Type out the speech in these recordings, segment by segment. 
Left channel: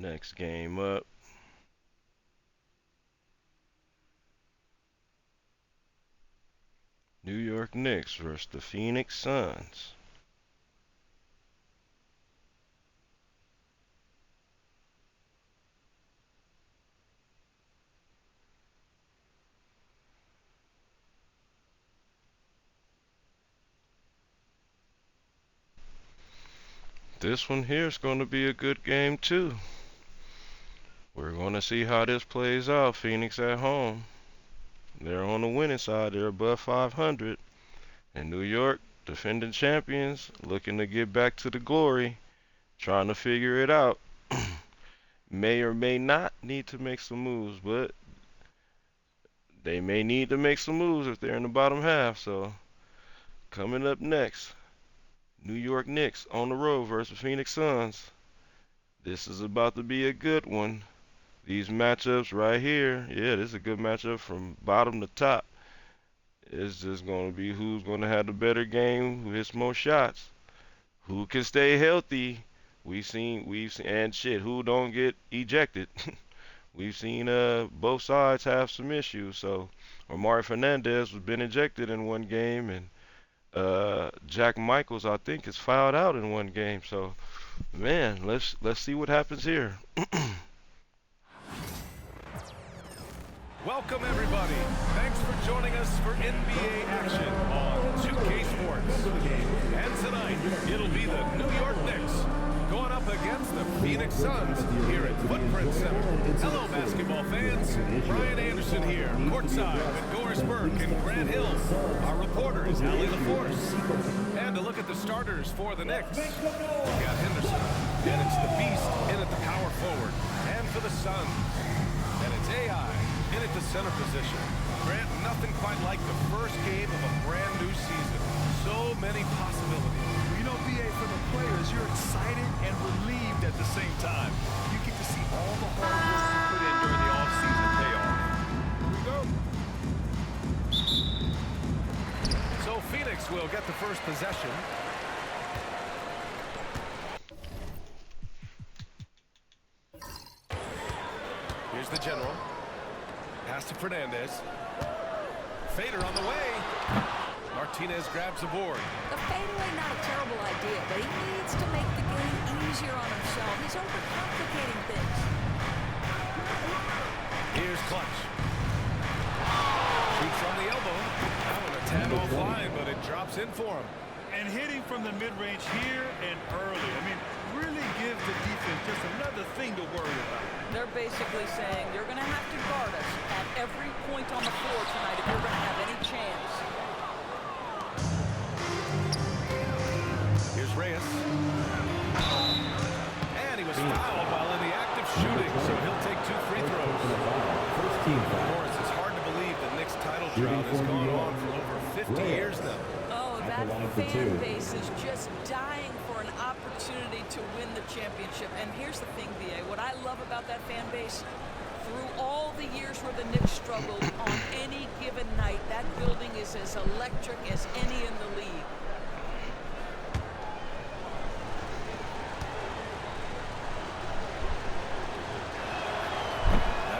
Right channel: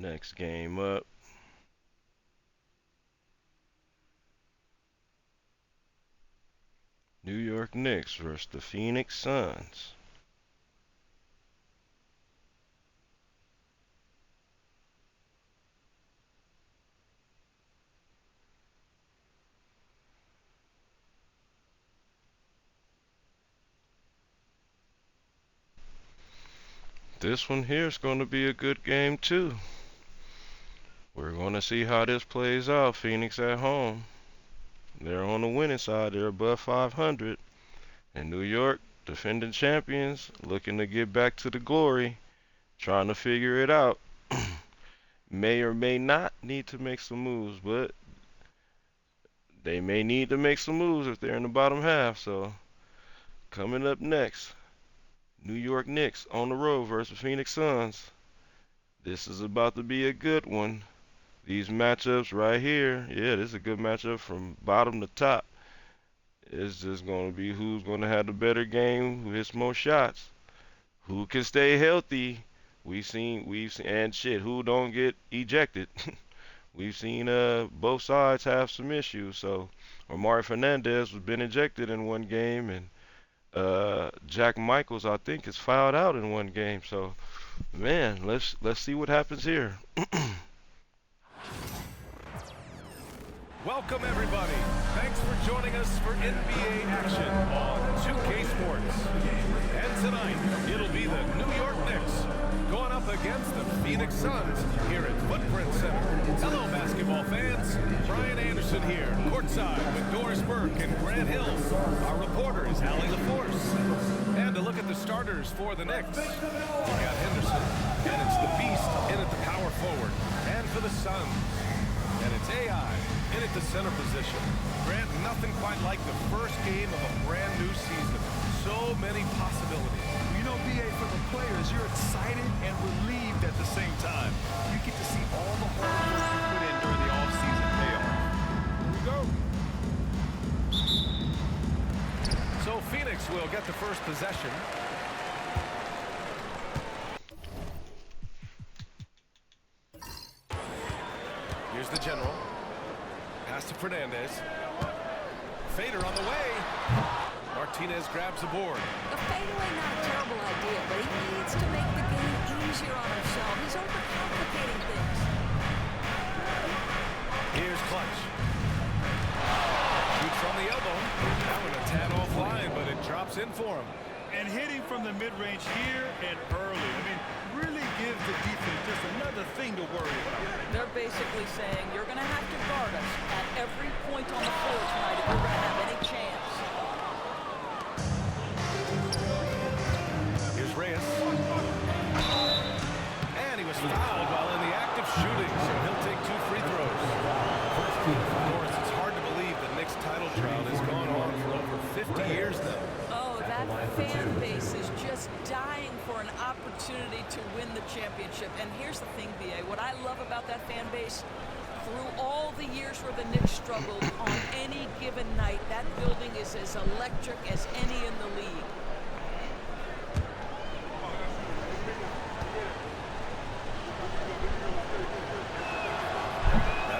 Next game up. New York Knicks versus the Phoenix Suns. This one here is going to be a good game too. We're going to see how this plays out. Phoenix at home. They're on the winning side. They're above 500. And New York, defending champions, looking to get back to the glory, trying to figure it out. May or may not need to make some moves, but they may need to make some moves if they're in the bottom half. So coming up next, New York Knicks on the road versus Phoenix Suns. This is about to be a good one. These matchups right here, yeah, this is a good matchup from bottom to top. It's just going to be who's going to have the better game, who hits more shots, who can stay healthy. We've seen, and shit, who don't get ejected. We've seen both sides have some issues. So, Omari Fernandez has been ejected in one game, and Jack Michaels, I think, is fouled out in one game. So, man, let's see what happens here. Welcome everybody. Thanks for joining us for NBA action on 2K Sports. And tonight, it'll be the New York Knicks going up against the Phoenix Suns here at Footprint Center. Hello basketball fans. Brian Anderson here, courtside with Doris Burke and Grant Hill. Our reporter is Allie LaForce. And to look at the starters for the Knicks, we've got Henderson, and it's the Beast in at the power forward. And for the Suns, and it's AI in at the center position. Grant, nothing quite like the first game of a brand new season. So many possibilities. You know, BA, for the players, you're excited and relieved at the same time. You get to see all the hard work you put in during the offseason pay off. Here we go. So Phoenix will get the first possession. Here's the general. Pass to Fernandez. Fader on the way. Martinez grabs the board. The fadeaway, not a terrible idea, but he needs to make the game easier on himself. He's overcomplicating things. Here's Clutch. Shoots from the elbow. That one a tad offline, but it drops in for him. And hitting from the mid-range here and early. I mean, really gives the defense just another thing to worry about. They're basically saying you're going to have to guard us at every point on the floor tonight if you're going to have any chance. Here's Reyes. And he was fouled while in the act of shooting, so he'll take 2 free throws. Of course, it's hard to believe the Knicks title drought has gone on for over 50 years now. Oh, that fan base is just dying for an opportunity to win the championship. And here's the thing, VA, what I love about that fan base, through all the years where the Knicks struggled, on any given night, that building is as electric as any in the league.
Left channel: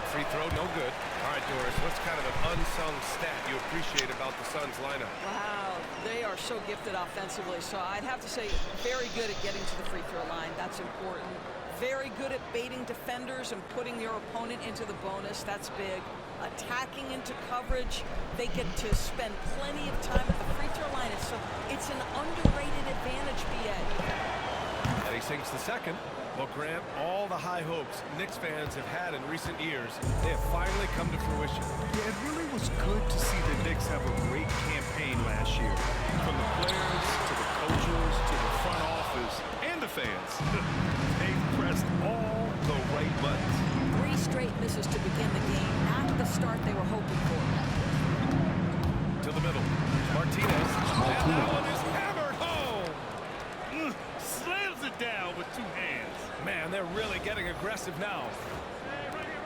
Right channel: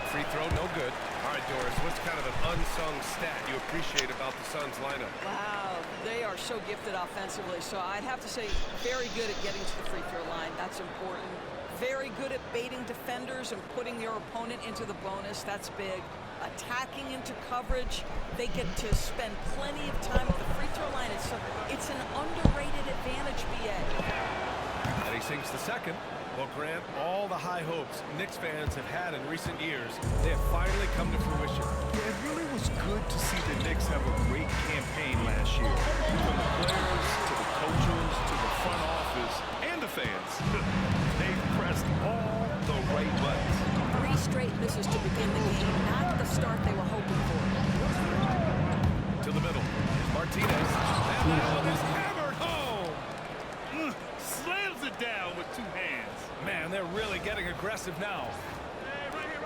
Free throw, no good. All right, Doris, what's kind of an unsung stat you appreciate about the Suns lineup? Wow, they are so gifted offensively. So I'd have to say very good at getting to the free throw line. That's important. Very good at baiting defenders and putting your opponent into the bonus. That's big. Attacking into coverage. They get to spend plenty of time at the free throw line. It's an underrated advantage, BA. And he sinks the second. Well, Grant, all the high hopes Knicks fans have had in recent years, they have finally come to fruition. Yeah, it really was good to see the Knicks have a great campaign last year. From the players, to the coaches, to the front office, and the fans. They've pressed all the right buttons. 3 straight misses to begin the game, not the start they were hoping for. To the middle. Here's Martinez. And that one is hammered home. Slams it down with 2 hands. Man, they're really getting aggressive now. Hey, right here.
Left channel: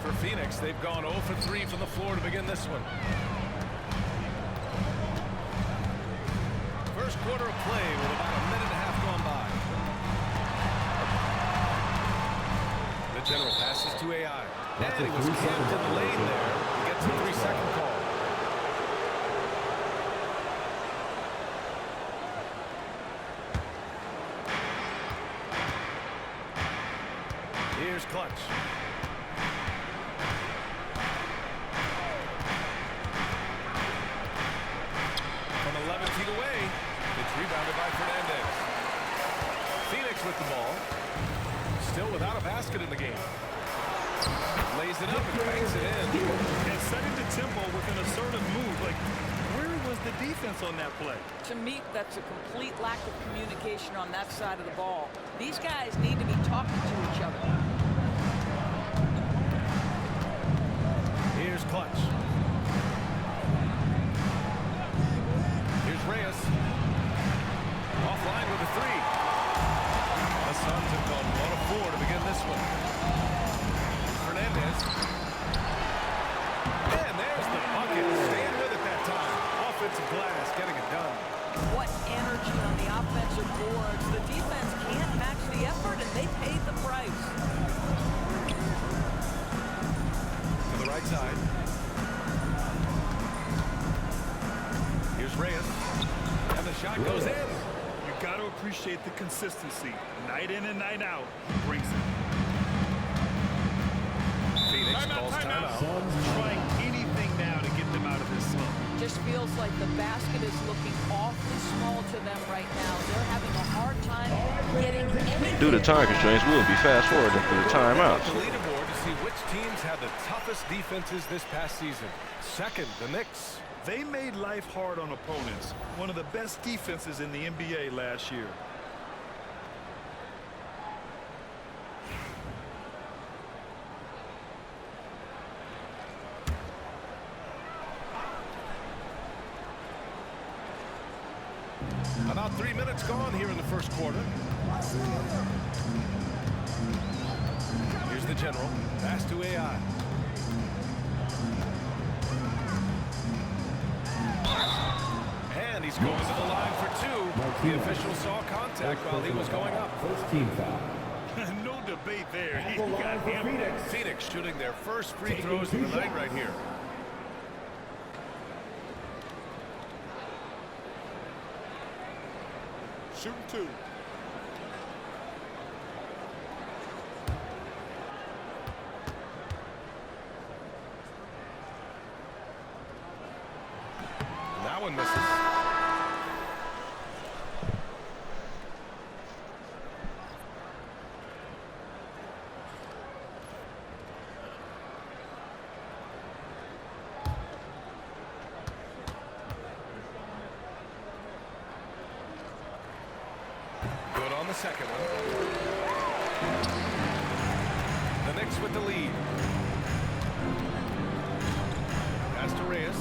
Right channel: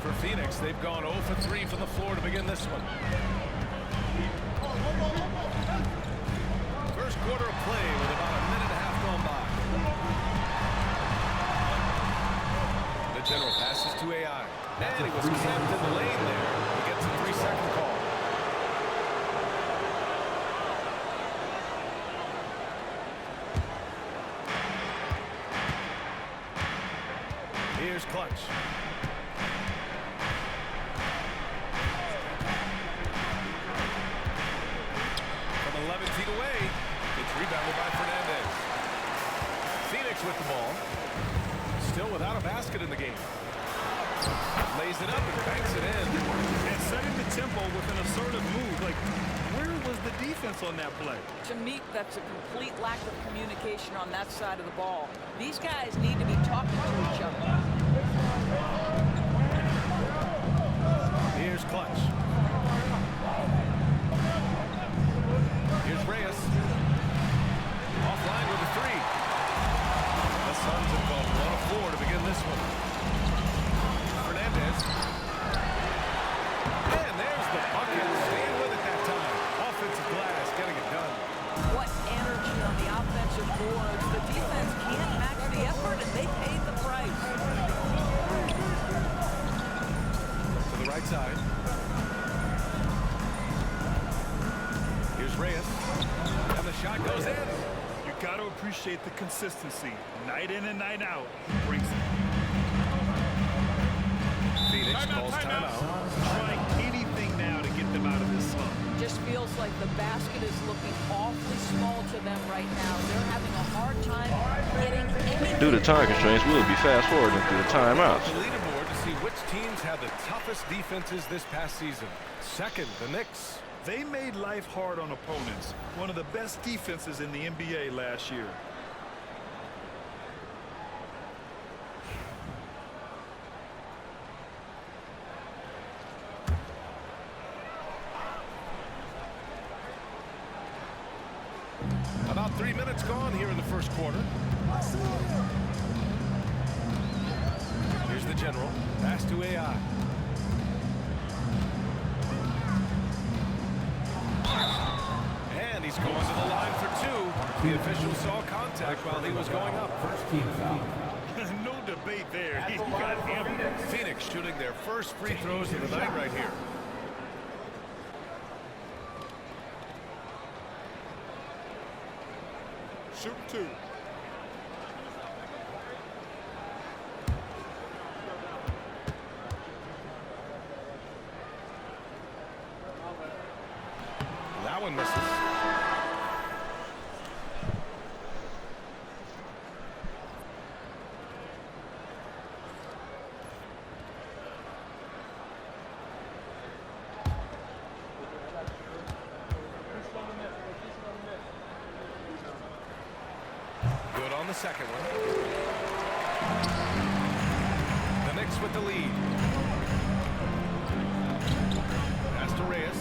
For Phoenix, they've gone 0 for 3 from the floor to begin this one. First quarter of play with about a minute and a half gone by. General passes to AI. And he was camped in the lane there. He gets a 3-second call. Here's Clutch. From 11 feet away, it's rebounded by Fernandez. Phoenix with the ball. Still without a basket in the game. Lays it up and banks it in. And setting the tempo with an assertive move. Like, where was the defense on that play? To me, that's a complete lack of communication on that side of the ball. These guys need to be talking to each other. Here's Clutch. Here's Reyes. Offline with a 3. The Suns have gone 1 of 4 to begin this one. Fernandez. And there's the bucket. Staying with it that time. Offensive glass getting it done. What energy on the offensive boards. The defense can't match the effort, and they paid the price. To the right side. Here's Reyes. And the shot goes in. You got to appreciate the consistency. Night in and night out, he brings it. Phoenix calls timeout. Suns trying anything now to get them out of this slump. Just feels like the basket is looking awfully small to them right now. They're having a hard time getting anything. Due to time constraints, we'll be fast forwarding through the timeouts. The leaderboard to see which teams had the toughest defenses this past season. Second, the Knicks. They made life hard on opponents. One of the best defenses in the NBA last year. About 3 minutes gone here in the first quarter. Here's the General. Pass to AI. And he's going to the line for 2. The official saw contact while he was going up. First team foul. No debate there. He got hammered. Phoenix shooting their first free throws of the night right here. Shooting 2. And that one misses. Good on the second one. The Knicks with the lead. Pass to Reyes.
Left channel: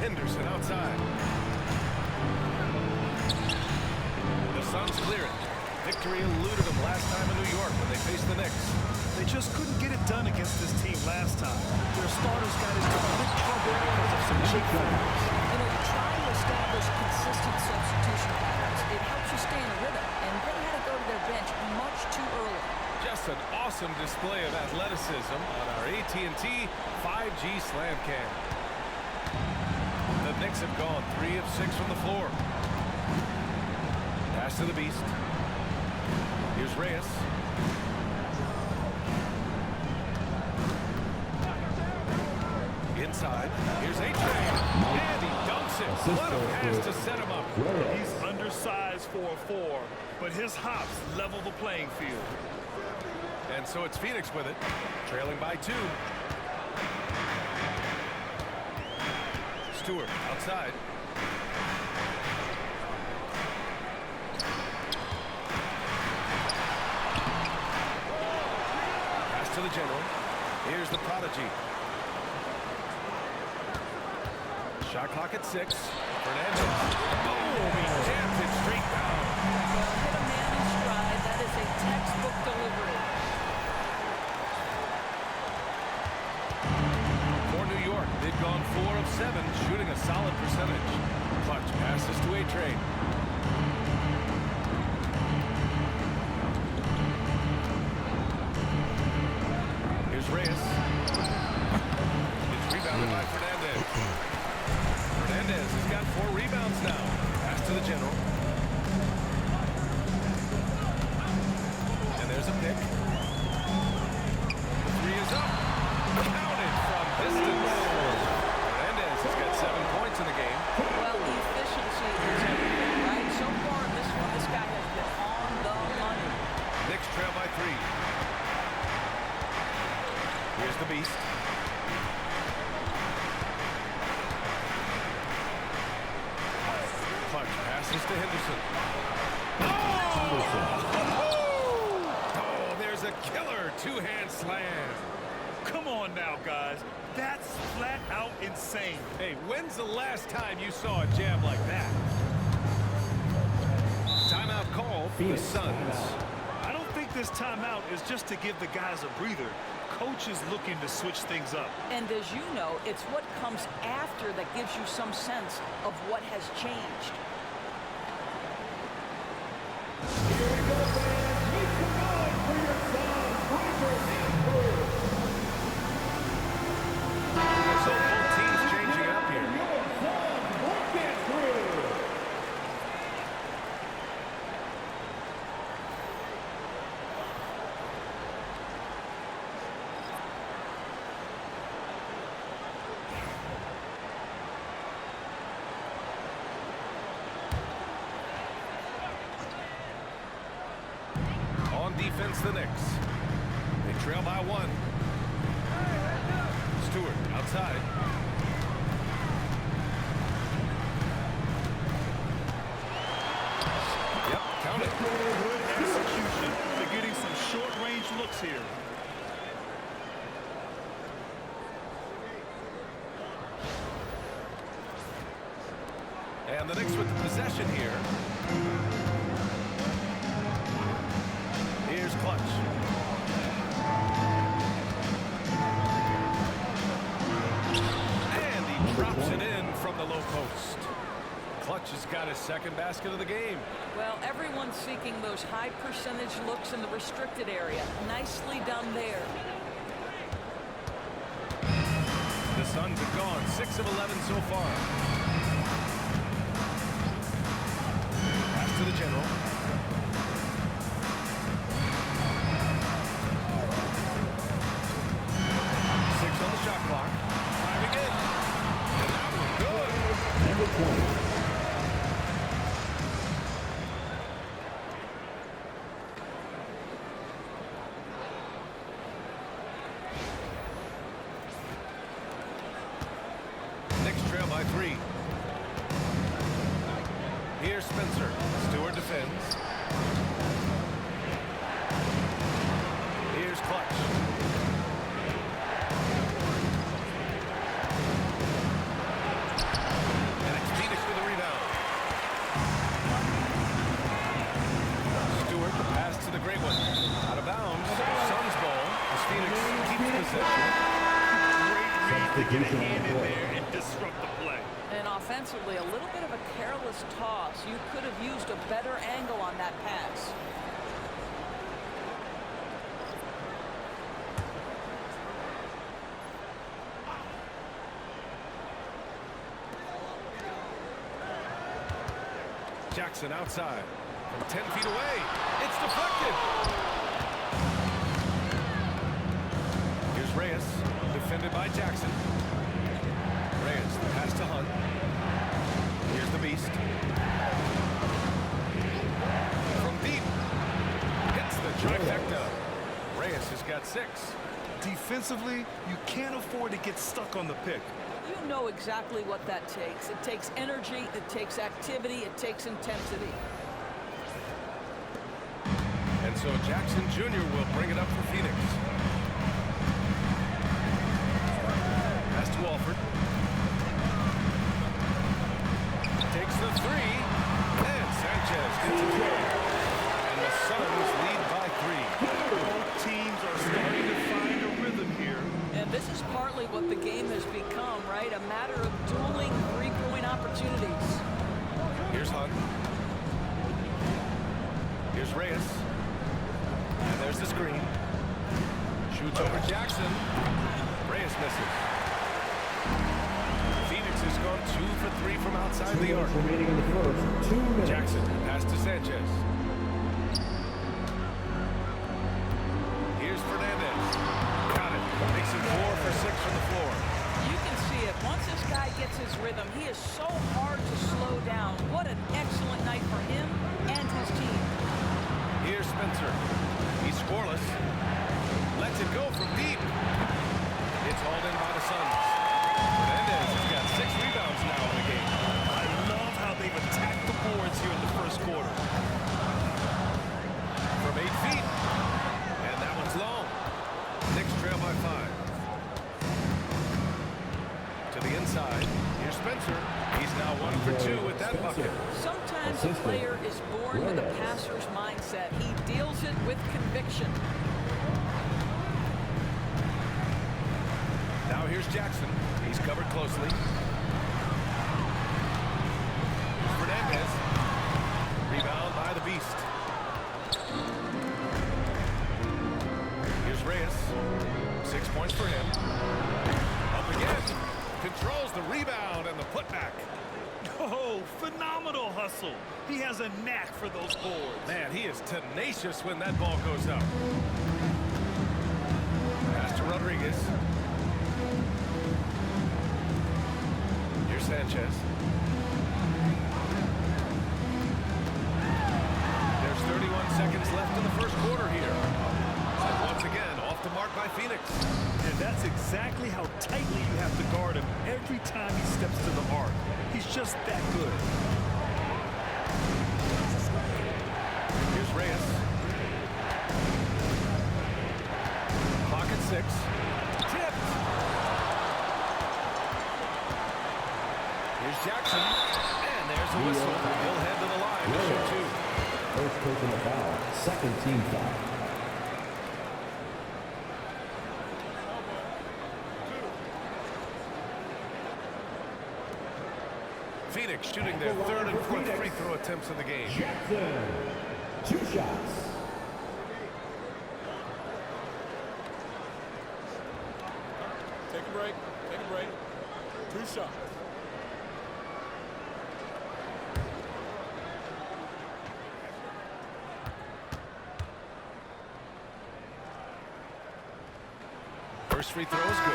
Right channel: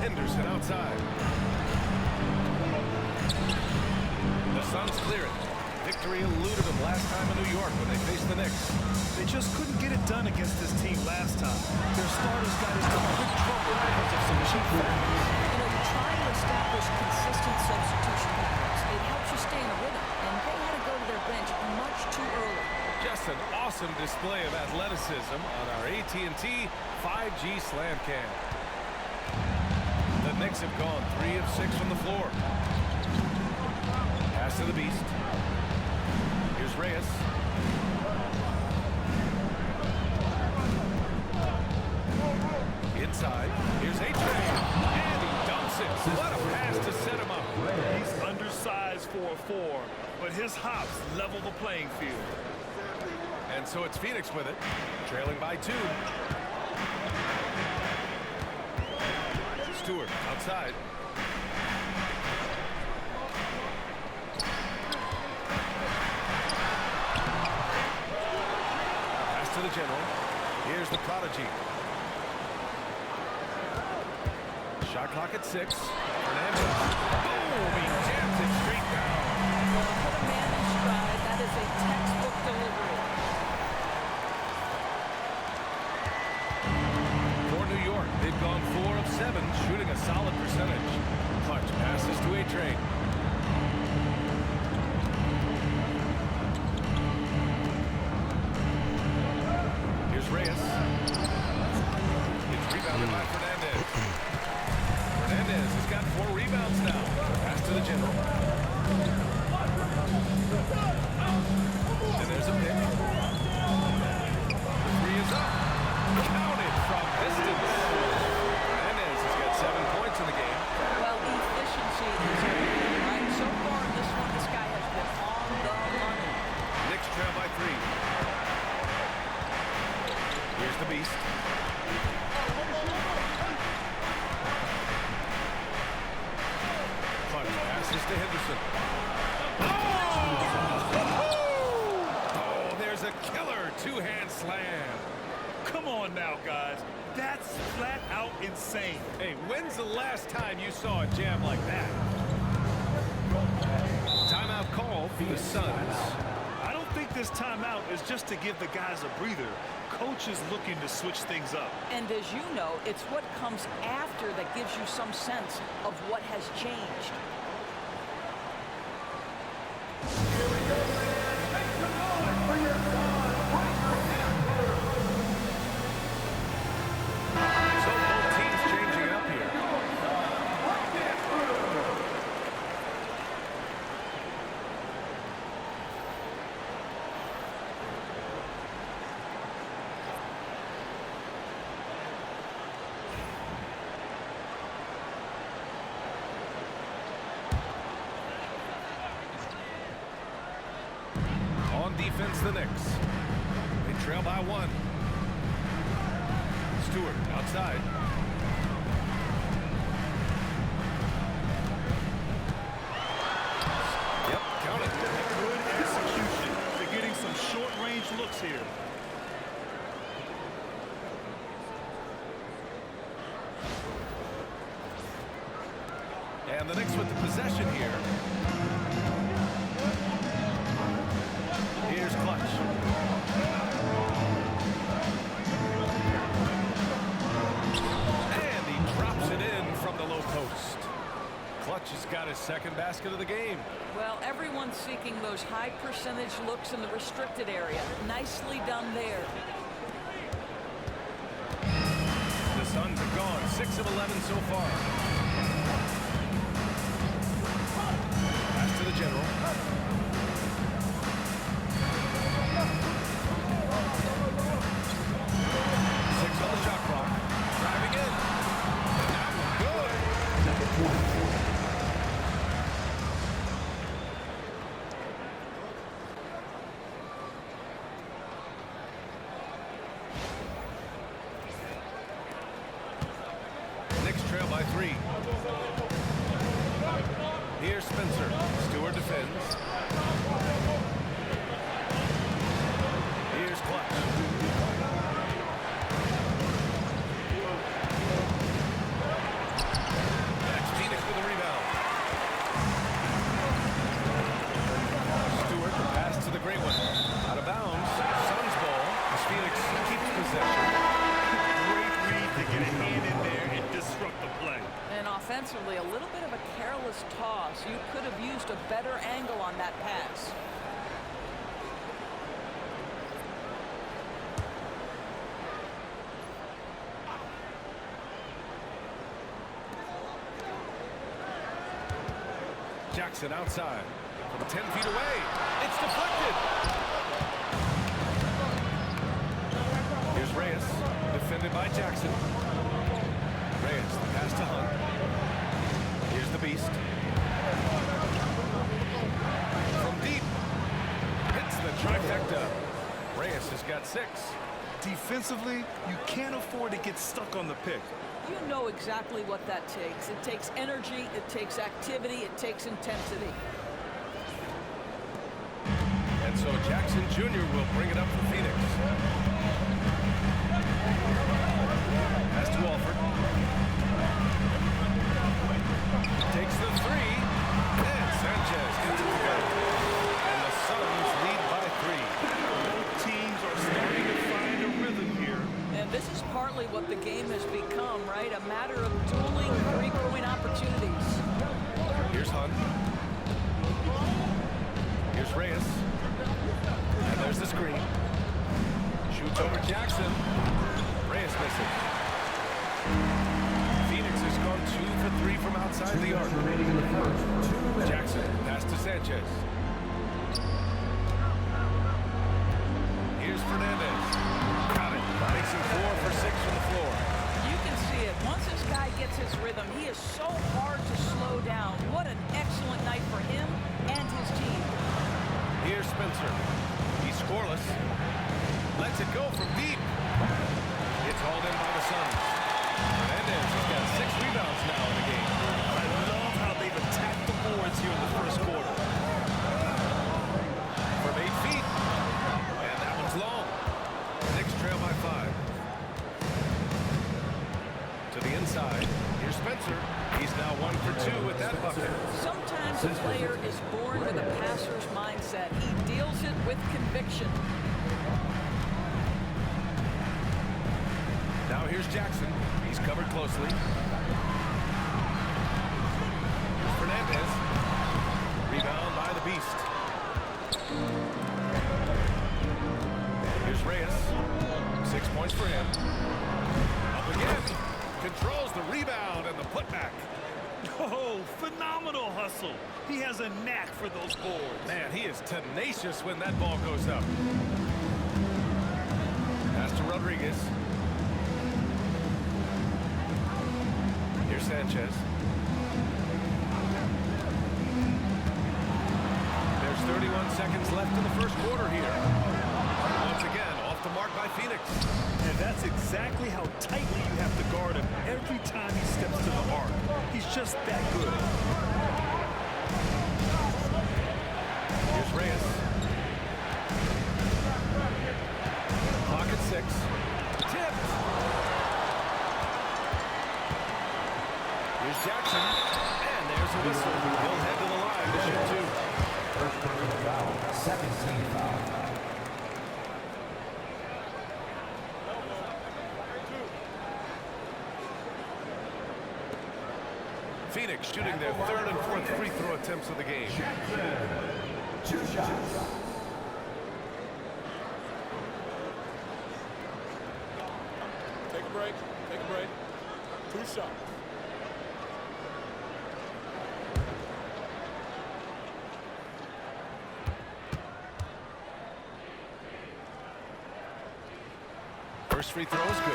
Henderson outside. The Suns clear it. Victory eluded them last time in New York when they faced the Knicks. They just couldn't get it done against this team last time. Their starters got into quick trouble because of some cheap fouls. You know, you try to establish consistent substitution patterns. It helps you stay in a rhythm, and they had to go to their bench much too early. Just an awesome display of athleticism on our AT&T 5G slam cam. The Knicks have gone 3 of 6 from the floor. Pass to the Beast. Here's Reyes. Inside. Here's A-Train. And he dunks it. What a pass to set him up. He's undersized for a 4, but his hops level the playing field. And so it's Phoenix with it, trailing by 2. Stewart outside. Pass to the General. Here's the Prodigy. Shot clock at 6. Fernandez. Boom! He jams it straight down. Well, hit a man in stride. That is a textbook delivery. For New York, they've gone 4 of 7, shooting a solid percentage. Clutch passes to A-Train. Here's Reyes. It's rebounded by Fernandez. Fernandez has got 4 rebounds now. Pass to the general. And there's a pick. The 3 is up. Counted from distance. Fernandez has got 7 points in the game. Well, efficiency is everything, right? So far in this one, this guy has been on the money. Knicks trail by 3. Here's the beast. Clutch passes to Henderson. Oh, there's a killer 2-hand slam. Come on now, guys. That's flat out insane. Hey, when's the last time you saw a jam like that? Timeout call for the Suns. I don't think this timeout is just to give the guys a breather. Coach is looking to switch things up. And as you know, it's what comes after that gives you some sense of what has changed. So both teams changing it up here. On defense, the Knicks. They trail by 1. Stewart outside. Yep, count it. Good execution. They're getting some short-range looks here. And the Knicks with the possession here. Here's Clutch. And he drops it in from the low post. Clutch has got his second basket of the game. Well, everyone's seeking those high percentage looks in the restricted area. Nicely done there. The Suns have gone 6 of 11 so far. Pass to the general. On the shot clock, driving in, and that one good. Knicks trail by 3. Here's Spencer. Stewart defends. Here's Clutch. With a rebound. Stewart, the pass to the great one. Out of bounds. Suns ball. As Phoenix keeps possession. Great read to get a hand in there and disrupt the play. And offensively, a little bit of a careless toss. You could have used a better angle on that pass. Jackson outside from 10 feet away. It's deflected. Here's Reyes, defended by Jackson. Reyes, the pass to Hunt. Here's the beast. From deep. Hits the trifecta. Reyes has got 6. Defensively, you can't afford to get stuck on the pick. You know exactly what that takes. It takes energy, it takes activity, it takes intensity. And so Jackson Jr. will bring it up for Phoenix. Pass to Alford. Takes the 3. And Sanchez gets it to go. And the Suns lead by 3. Both teams are starting to find a rhythm here. And this is partly what the game has become, right? A matter of dueling three-point opportunities. Here's Hunt. Here's Reyes. And there's the screen. Shoots over Jackson. Reyes misses. Phoenix has gone 2 for 3 from outside the arc. Remaining in the first, 2 minutes. Jackson, pass to Sanchez. Here's Fernandez. Got it. Makes him 4 for 6 from the floor. You can see it. Once this guy gets his rhythm, he is so hard to slow down. What an excellent night for him and his team. Here's Spencer. He's scoreless. Lets it go from deep. It's hauled in by the Suns. Fernandez has got 6 rebounds now in the game. I love how they've attacked the boards here in the first quarter. From 8 feet. And that one's long. The Knicks trail by 5. To the inside. Here's Spencer. He's now 1 for 2 with that bucket. Sometimes a player is born with a passer's mindset. He deals it with conviction. Now here's Jackson. He's covered closely. Here's Fernandez. Rebound by the Beast. Here's Reyes. 6 points for him. Up again. Controls the rebound and the putback. Oh, phenomenal hustle. He has a knack for those boards. Man, he is tenacious when that ball goes up. Pass to Rodriguez. Here's Sanchez. There's 31 seconds left in the first quarter here. And once again, off the mark by Phoenix. And that's exactly how tightly you have to guard him every time he steps to the arc. He's just that good. Here's Reyes. Clock at 6. Tipped. Here's Jackson. And there's a whistle. He'll head to the line to shoot 2. First personal foul, second team foul. Phoenix shooting their 3rd and 4th free throw attempts of the game. Jackson, 2 shots. Take a break. Take a break. 2 shots. First free throw is good.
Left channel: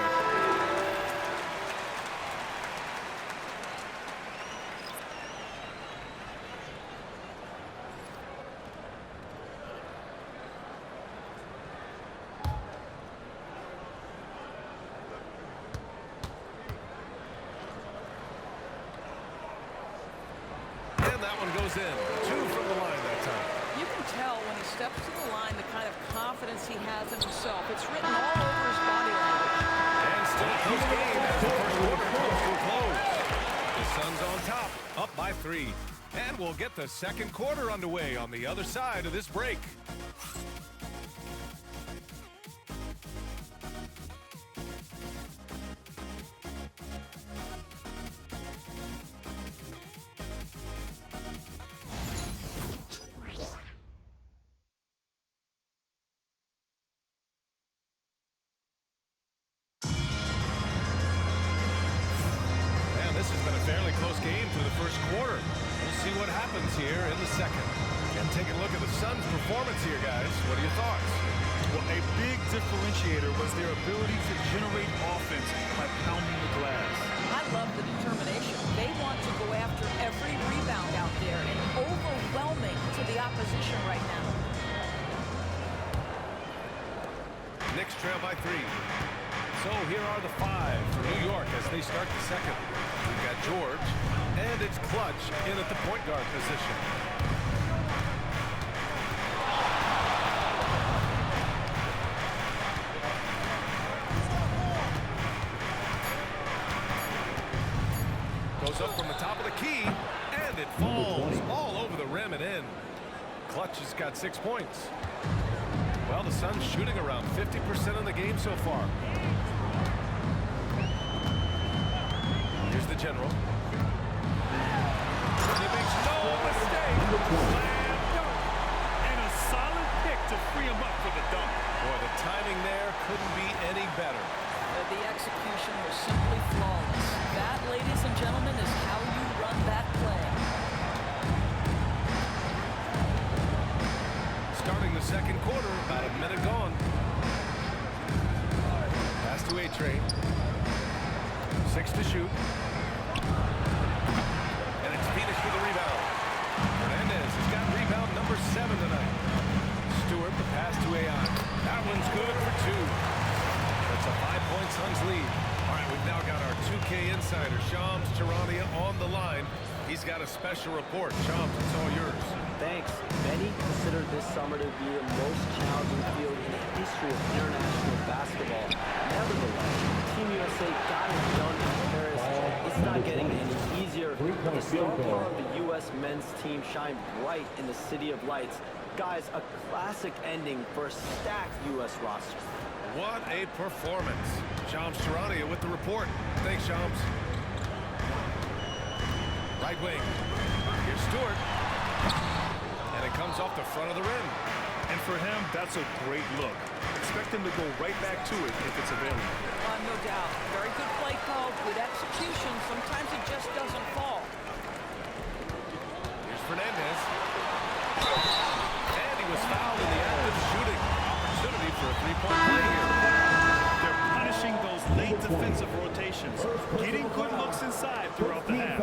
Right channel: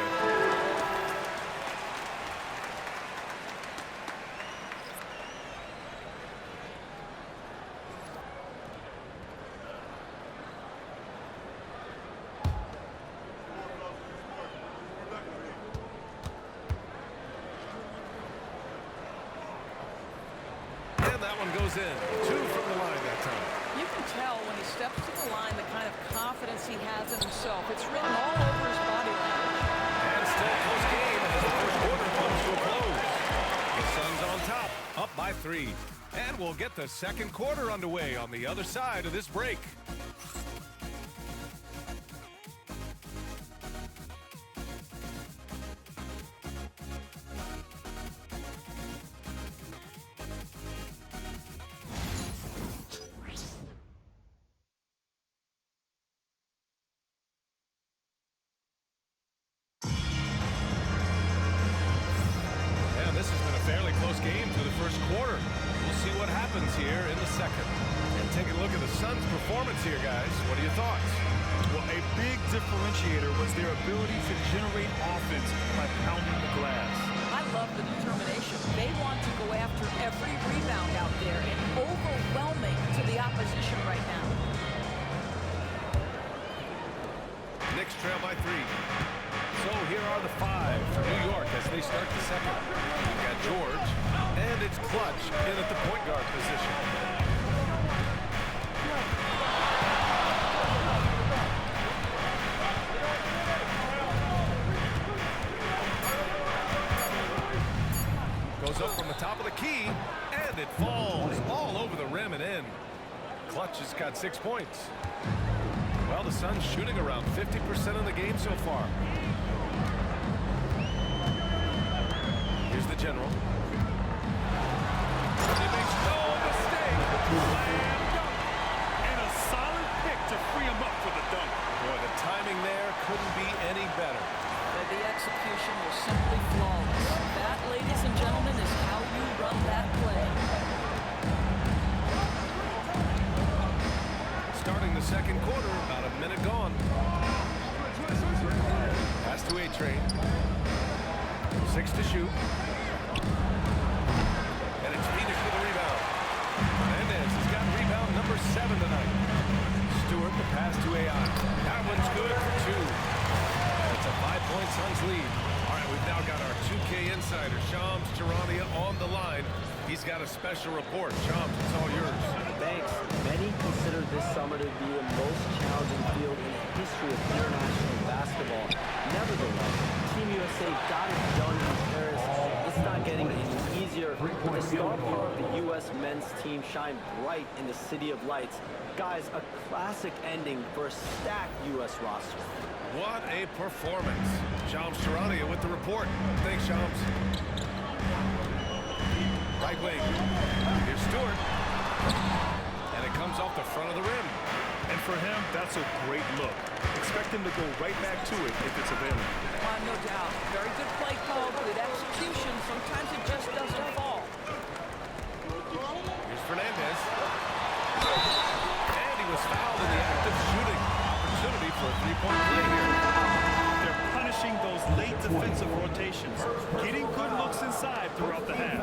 And that one goes in. 2 from the line that time. You can tell when he steps to the line the kind of confidence he has in himself. It's written all over his body language. And still a close game as the first quarter comes to a close. The Suns on top, up by 3. And we'll get the second quarter underway on the other side of this break. This has been a fairly close game through the first quarter. We'll see what happens here in the second. And take a look at the Suns' performance here, guys. What are your thoughts? Well, a big differentiator was their ability to generate offense by pounding the glass. I love the determination. They want to go after every rebound out there and overwhelming to the opposition right now. Knicks trail by 3. So here are the 5 for New York as they start the second. We've got George, and it's Clutch in at the point guard position. Goes up from the top of the key, and it falls all over the rim and in. Clutch has got 6 points. Well, the Suns shooting around 50% in the game so far. Here's the general. And he makes no mistake. Slam dunk. And a solid pick to free him up for the dunk. Boy, the timing there couldn't be any better. The execution was simply flawless. That, ladies and gentlemen, is how you run that play. Starting the second quarter, about a minute gone. Pass to A-Train. 6 to shoot. And it's Phoenix with a rebound. Hernandez has got rebound number 7 tonight. Stewart, the pass to AI. That one's good for 2. And it's a 5-point Suns lead. All right, we've now got our 2K insider, Shams Charania, on the line. He's got a special report. Shams, it's all yours. Thanks. Many consider this summer to be the most challenging field in the history of international basketball. Nevertheless, Team USA got it done in Paris. It's not getting any easier, but the star power of the U.S. men's team shined bright in the City of Lights. Guys, a classic ending for a stacked U.S. roster. What a performance. Shams Charania with the report. Thanks, Shams. Right wing. Here's Stewart. And it comes off the front of the rim. And for him, that's a great look. Expect him to go right back to it if it's available. No doubt. Very good play call, good execution. Sometimes it just doesn't fall. Here's Fernandez. And he was fouled in the act of shooting. Opportunity for a three-point play here. They're punishing those late defensive rotations, getting good looks inside throughout the half.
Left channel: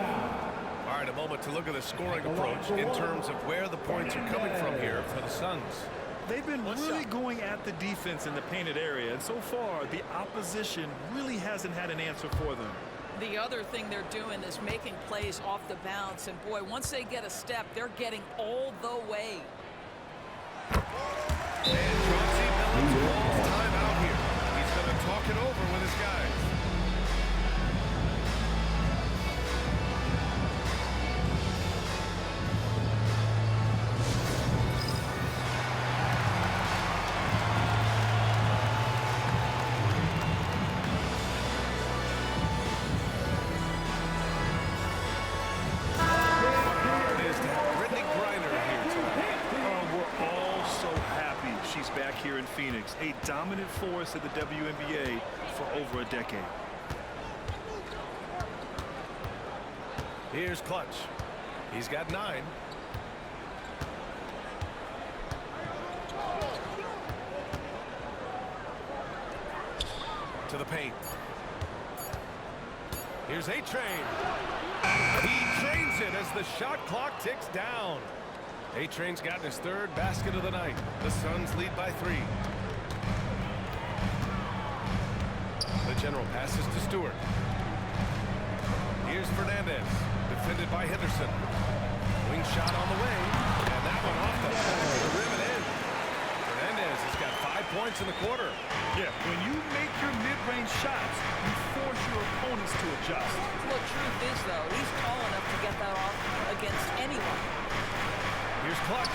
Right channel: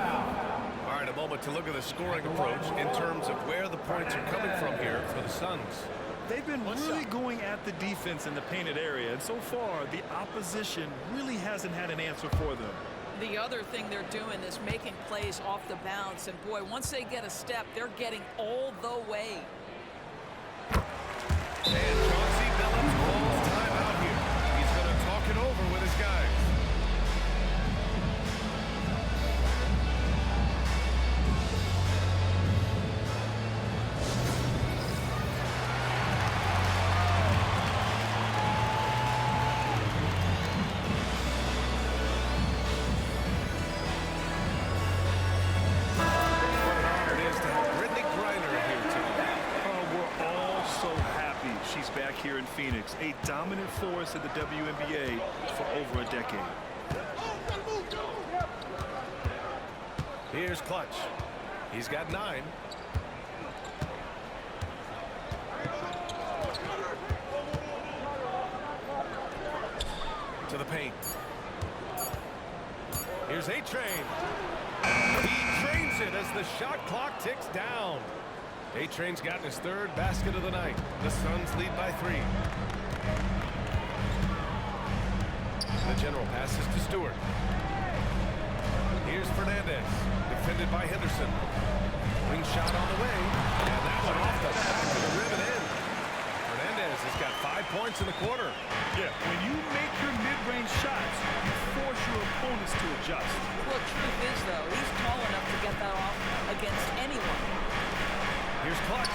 All right, a moment to look at the scoring approach in terms of where the points are coming from here for the Suns. They've been really going at the defense in the painted area, and so far, the opposition really hasn't had an answer for them. The other thing they're doing is making plays off the bounce, and boy, once they get a step, they're getting all the way. And Chauncey Billups calls timeout here. He's going to talk it over with his guys. She's back here in Phoenix, a dominant force at the WNBA for over a decade. Here's Clutch. He's got 9. To the paint. Here's A-Train. He trains it as the shot clock ticks down. A-Train's gotten his 3rd basket of the night. The Suns lead by 3. The general passes to Stewart. Here's Fernandez, defended by Henderson. Wing shot on the way, and that one off the back of the rim and in. Fernandez has got 5 points in the quarter. Yeah, when you make your mid-range shots, you force your opponents to adjust. Well, truth is, though, he's tall enough to get that off against anyone. Here's Clutch.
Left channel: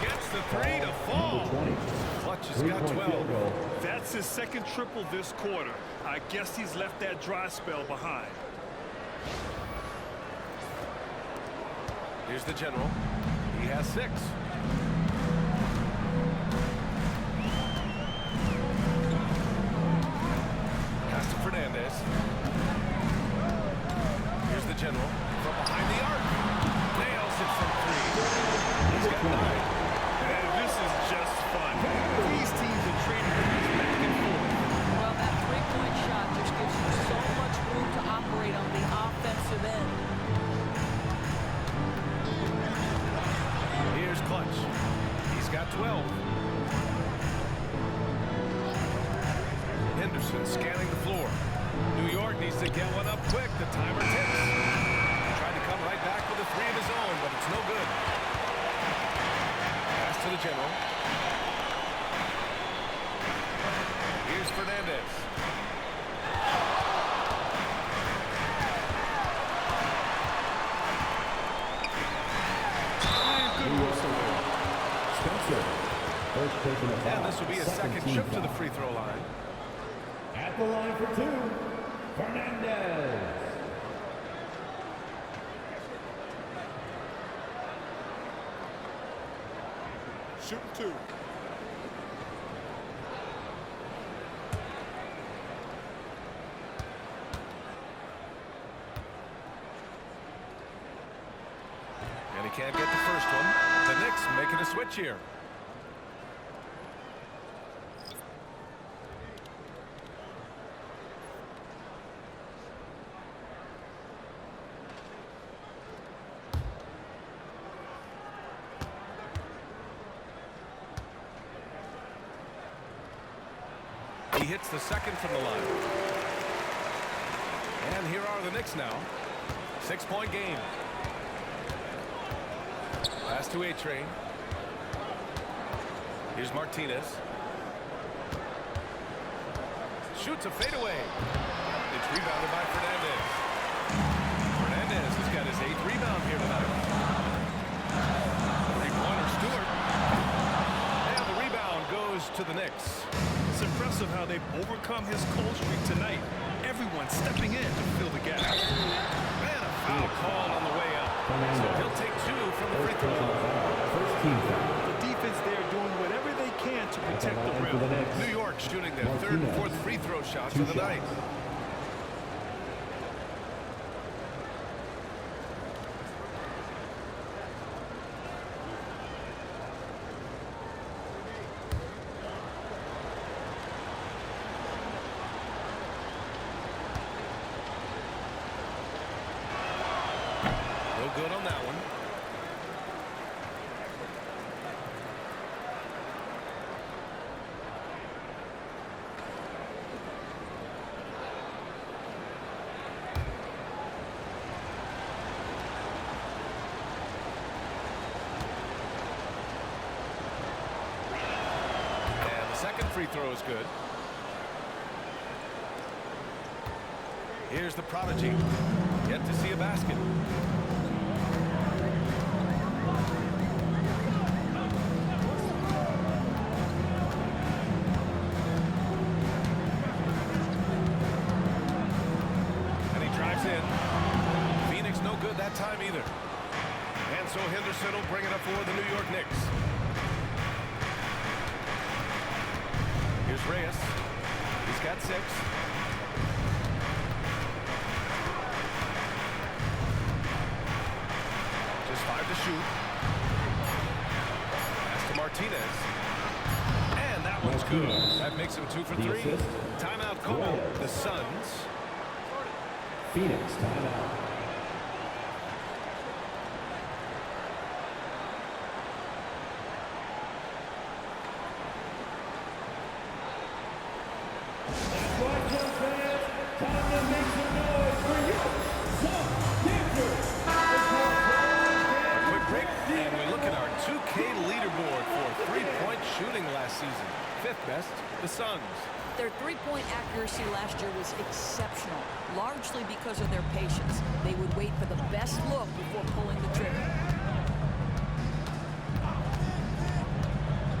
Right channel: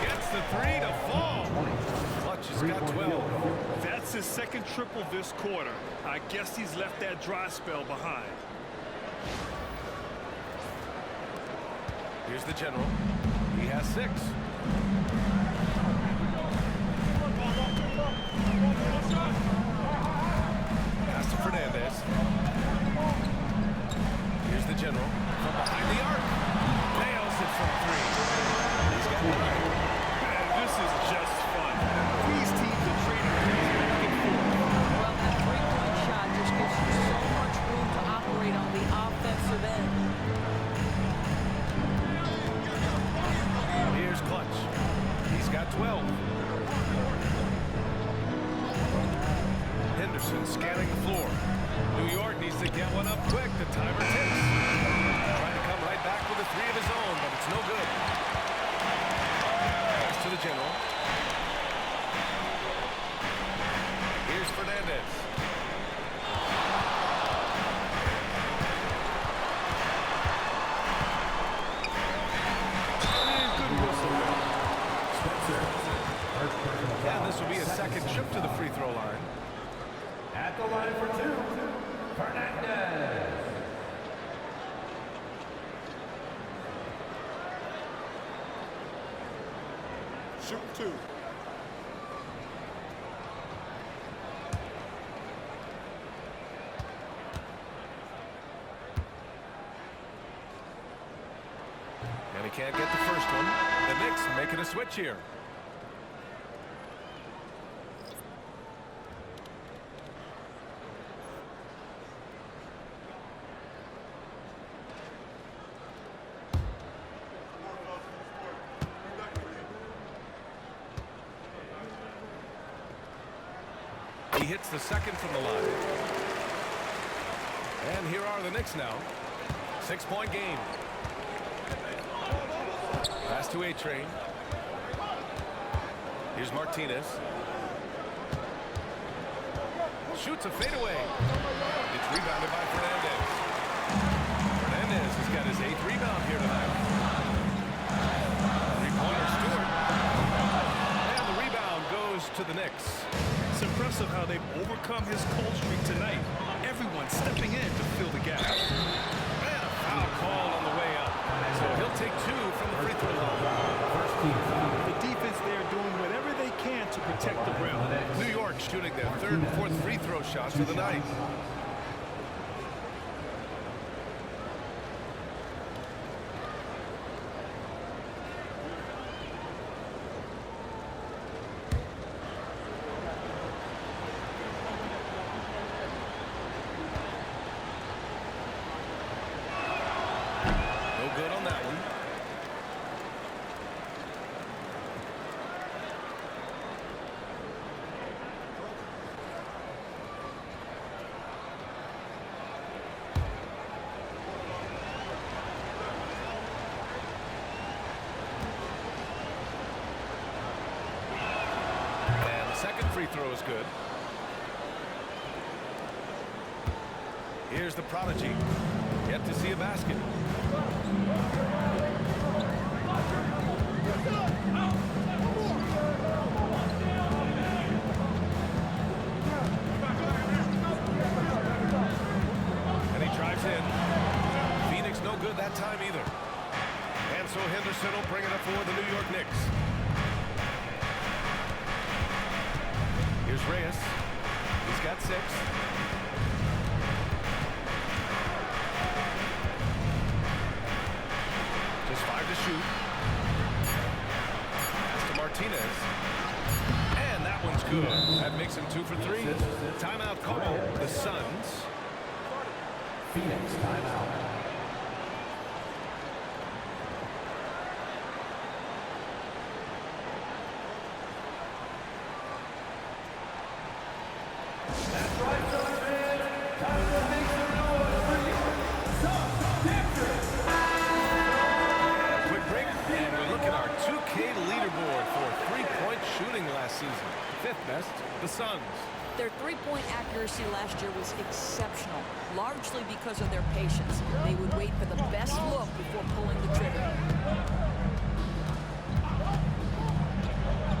Gets the 3 to fall. Clutch has got 12. That's his 2nd triple this quarter. I guess he's left that dry spell behind. Here's the general. He has 6. Pass to Fernandez. Here's the general from behind the arc. Nails it from 3. He's got 9. Man, this is just fun. These teams are trading threes back and forth. Well, that three-point shot just gives you so much room to operate on the offensive end. Here's Clutch. He's got 12. Henderson scanning the floor. New York needs to get one up quick. The timer ticks. Trying to come right back with a 3 of his own, but it's no good. Pass to the general. Here's Fernandez. And good whistle there. And this will be a second trip to the free throw line. At the line for 2, Fernandez. Shooting 2. And he can't get the first one. The Knicks making a switch here. He hits the second from the line. And here are the Knicks now. 6-point game. Pass to A-Train. Here's Martinez. Shoots a fadeaway. It's rebounded by Fernandez. Fernandez has got his 8th rebound here tonight. Three-pointer Stewart. And the rebound goes to the Knicks. It's impressive how they've overcome his cold streak tonight. Everyone stepping in to fill the gap. And a foul called on the way up. So he'll take 2 from the free throw line. First team foul. The defense there doing whatever they can to protect the rim. New York shooting their 3rd and 4th free throw shots of the night. No good on that one. And the second free throw is good. Here's the prodigy. Yet to see a basket. And he drives in. Phoenix no good that time either. And so Henderson will bring it up for the New York Knicks. Here's Reyes. He's got 6. Just 5 to shoot. Pass to Martinez. And that one's good. That makes him 2 for 3. Timeout call. The Suns. Phoenix timeout. And we look at our 2K leaderboard for three-point shooting last season. 5th best, the Suns. Their three-point accuracy last year was exceptional, largely because of their patience. They would wait for the best look before pulling the trigger.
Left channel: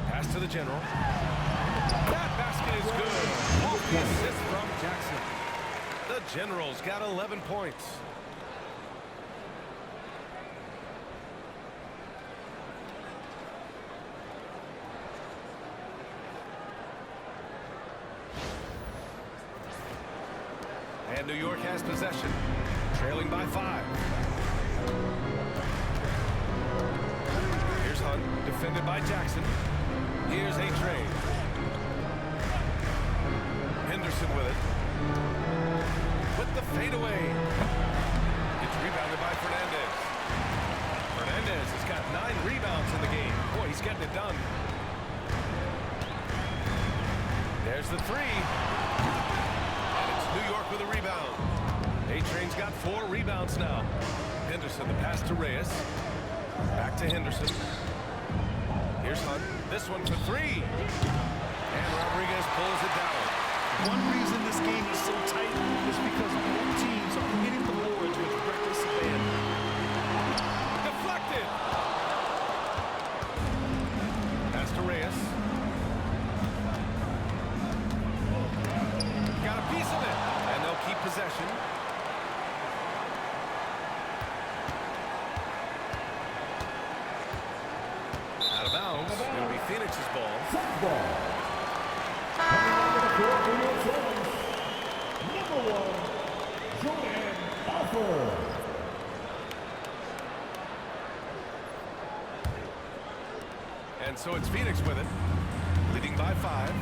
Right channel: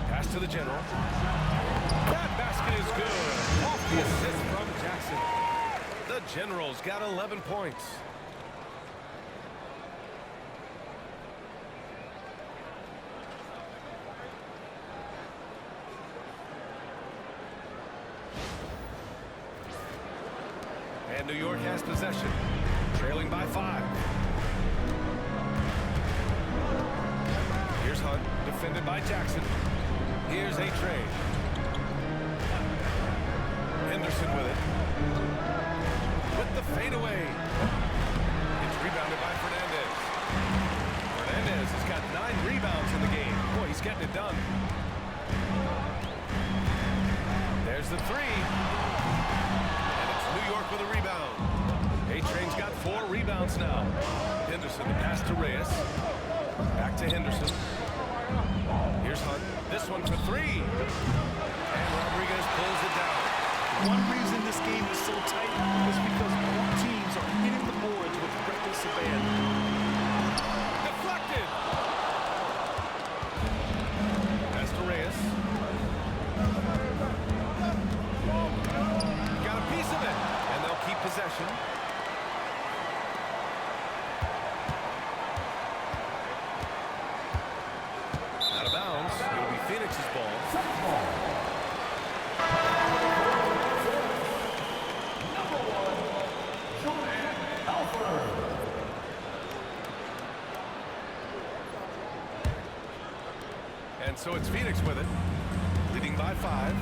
Pass to the general. That basket is good. Off the assist from Jackson. The General's got 11 points. And New York has possession, trailing by 5. Here's Hunt, defended by Jackson. Here's A-Train. Henderson with it. With the fadeaway. It's rebounded by Fernandez. Fernandez has got 9 rebounds in the game. Boy, he's getting it done. There's the 3. New York with a rebound. A-Train's got 4 rebounds now. Henderson, the pass to Reyes. Back to Henderson. Here's Hunt. This one for 3. And Rodriguez pulls it down. One reason this game is so tight is because both teams are hitting the boards with reckless abandon. Deflected. Pass to Reyes. Got a piece of it, and they'll keep possession. Out of bounds. It'll be Phoenix's ball. Number 1, Jordan Alford. And so it's Phoenix with it, leading by 5.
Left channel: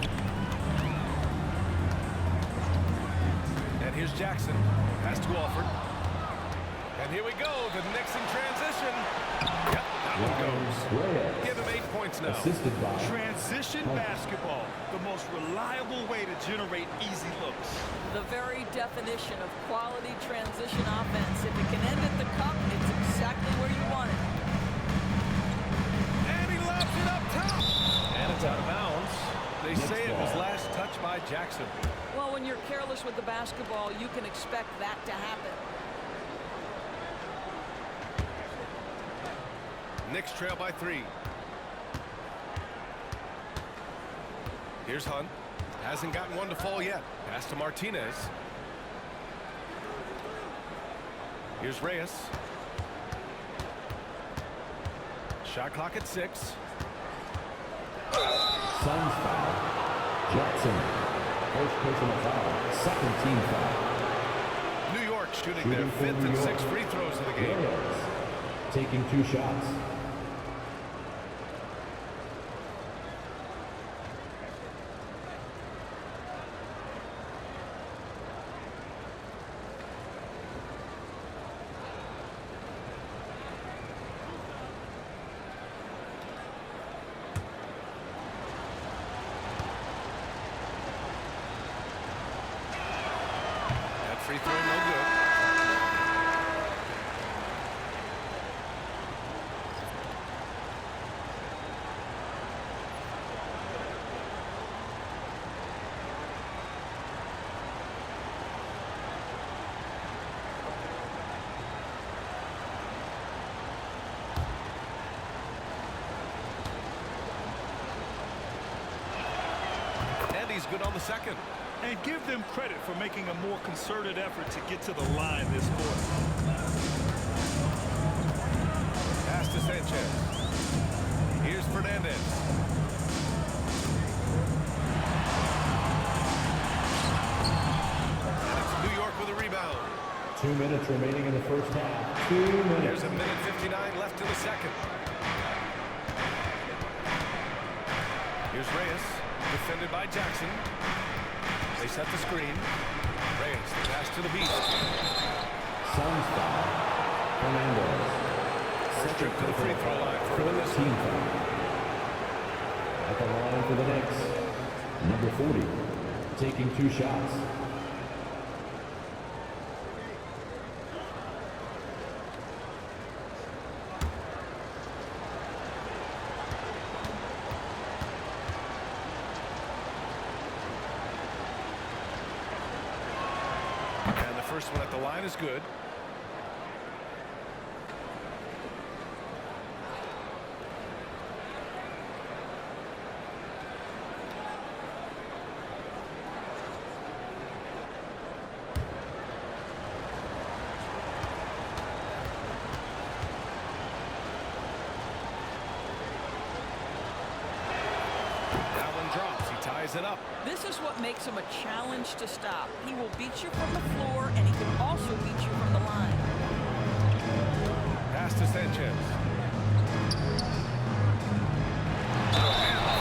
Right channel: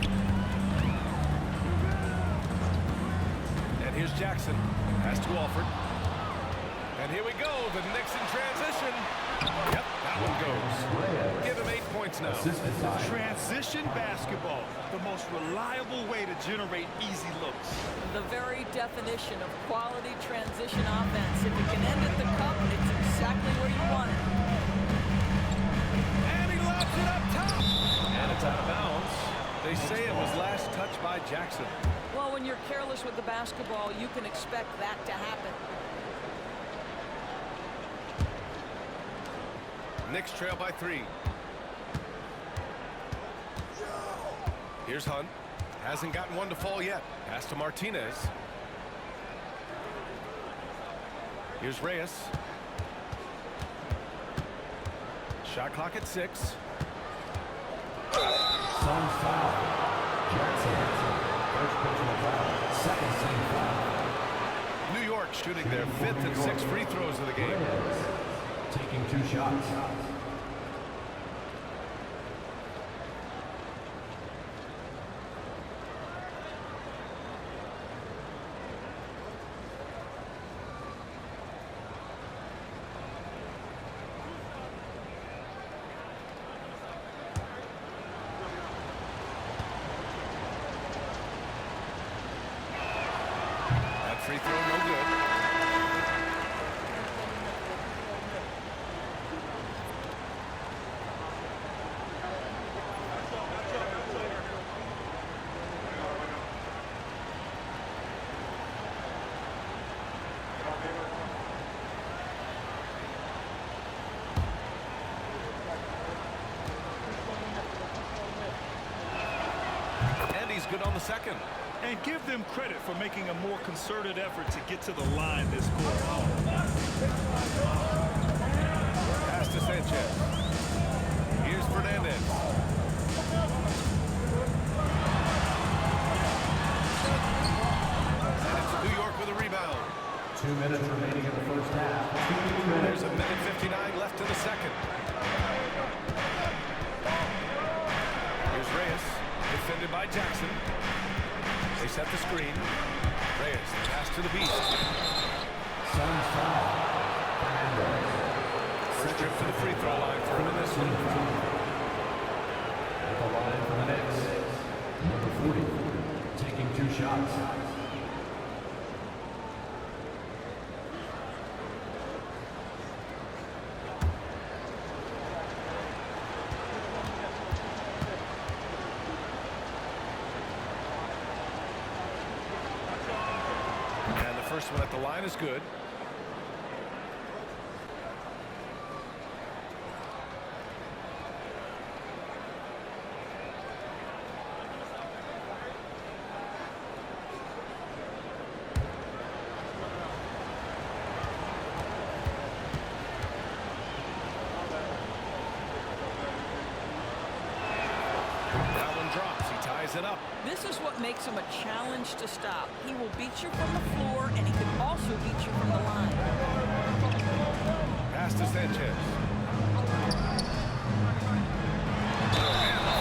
And here's Jackson. Pass to Alford. And here we go. The Knicks in transition. Yep, that one goes. Give him 8 points now. Transition basketball, the most reliable way to generate easy looks. The very definition of quality transition offense. If it can end at the cup, it's exactly where you want it. And he lobs it up top. And it's out of bounds. They say it was last touched by Jackson. Well, when you're careless with the basketball, you can expect that to happen. Knicks trail by 3. Here's Hunt. Hasn't gotten one to fall yet. Pass to Martinez. Here's Reyes. Shot clock at 6. Suns foul. Jackson. First personal foul. Second team foul. New York shooting their 5th and 6th free throws of the game. Reyes taking 2 shots. That free throw no good. And he's good on the second. And give them credit for making a more concerted effort to get to the line this quarter. Pass to Sanchez. Here's Fernandez. And it's New York with a rebound. 2 minutes remaining in the first half. 2 minutes. There's a minute 59 left in the second. Here's Reyes, defended by Jackson. They set the screen. Reyes, the pass to the beast. Suns foul. Fernandez. First trip to the free throw line for him in this one. At the line for the Knicks. Number 40. Taking 2 shots. And the first one at the line is good. That one drops. He ties it up. This is what makes him a challenge to stop. He will beat you from the floor, and he can also beat you from the line. Pass to Sanchez. And the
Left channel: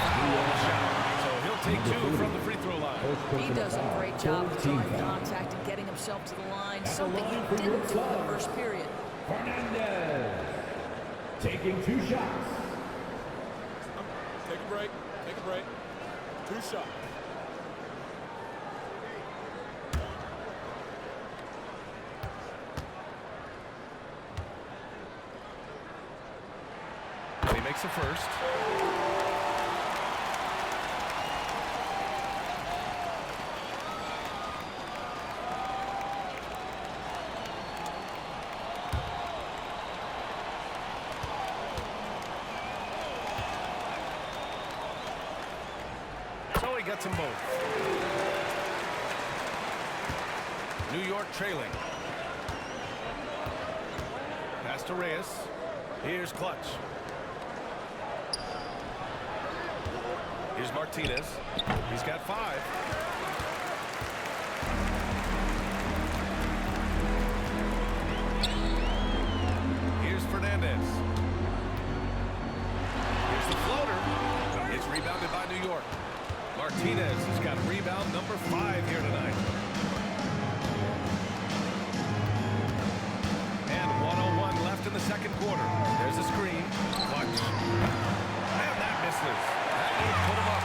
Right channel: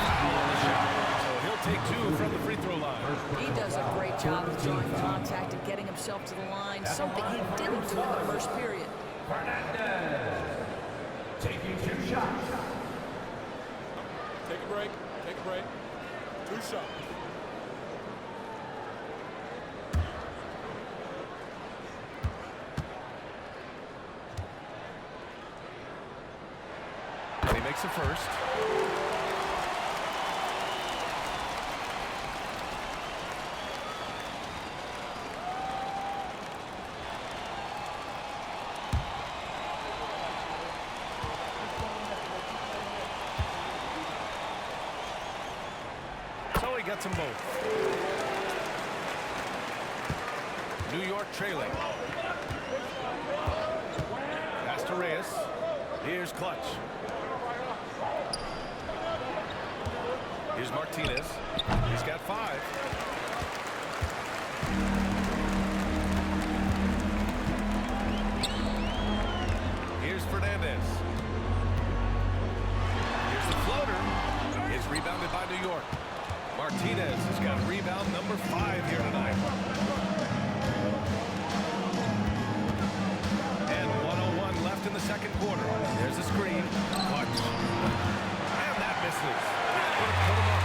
foul on the shot. So he'll take 2 from the free throw line. He does a great job of drawing contact and getting himself to the line, something he didn't do in the first period. Fernandez. Taking 2 shots. Take a break. Take a break. 2 shots. And he makes the first. So he gets them both. New York trailing. Pass to Reyes. Here's Clutch. Here's Martinez. He's got 5. Here's Fernandez. Here's the floater. It's rebounded by New York. Martinez has got rebound number 5 here tonight. And 1:01 left in the second quarter. There's a screen. Clutch. And that misses. That would have put him up.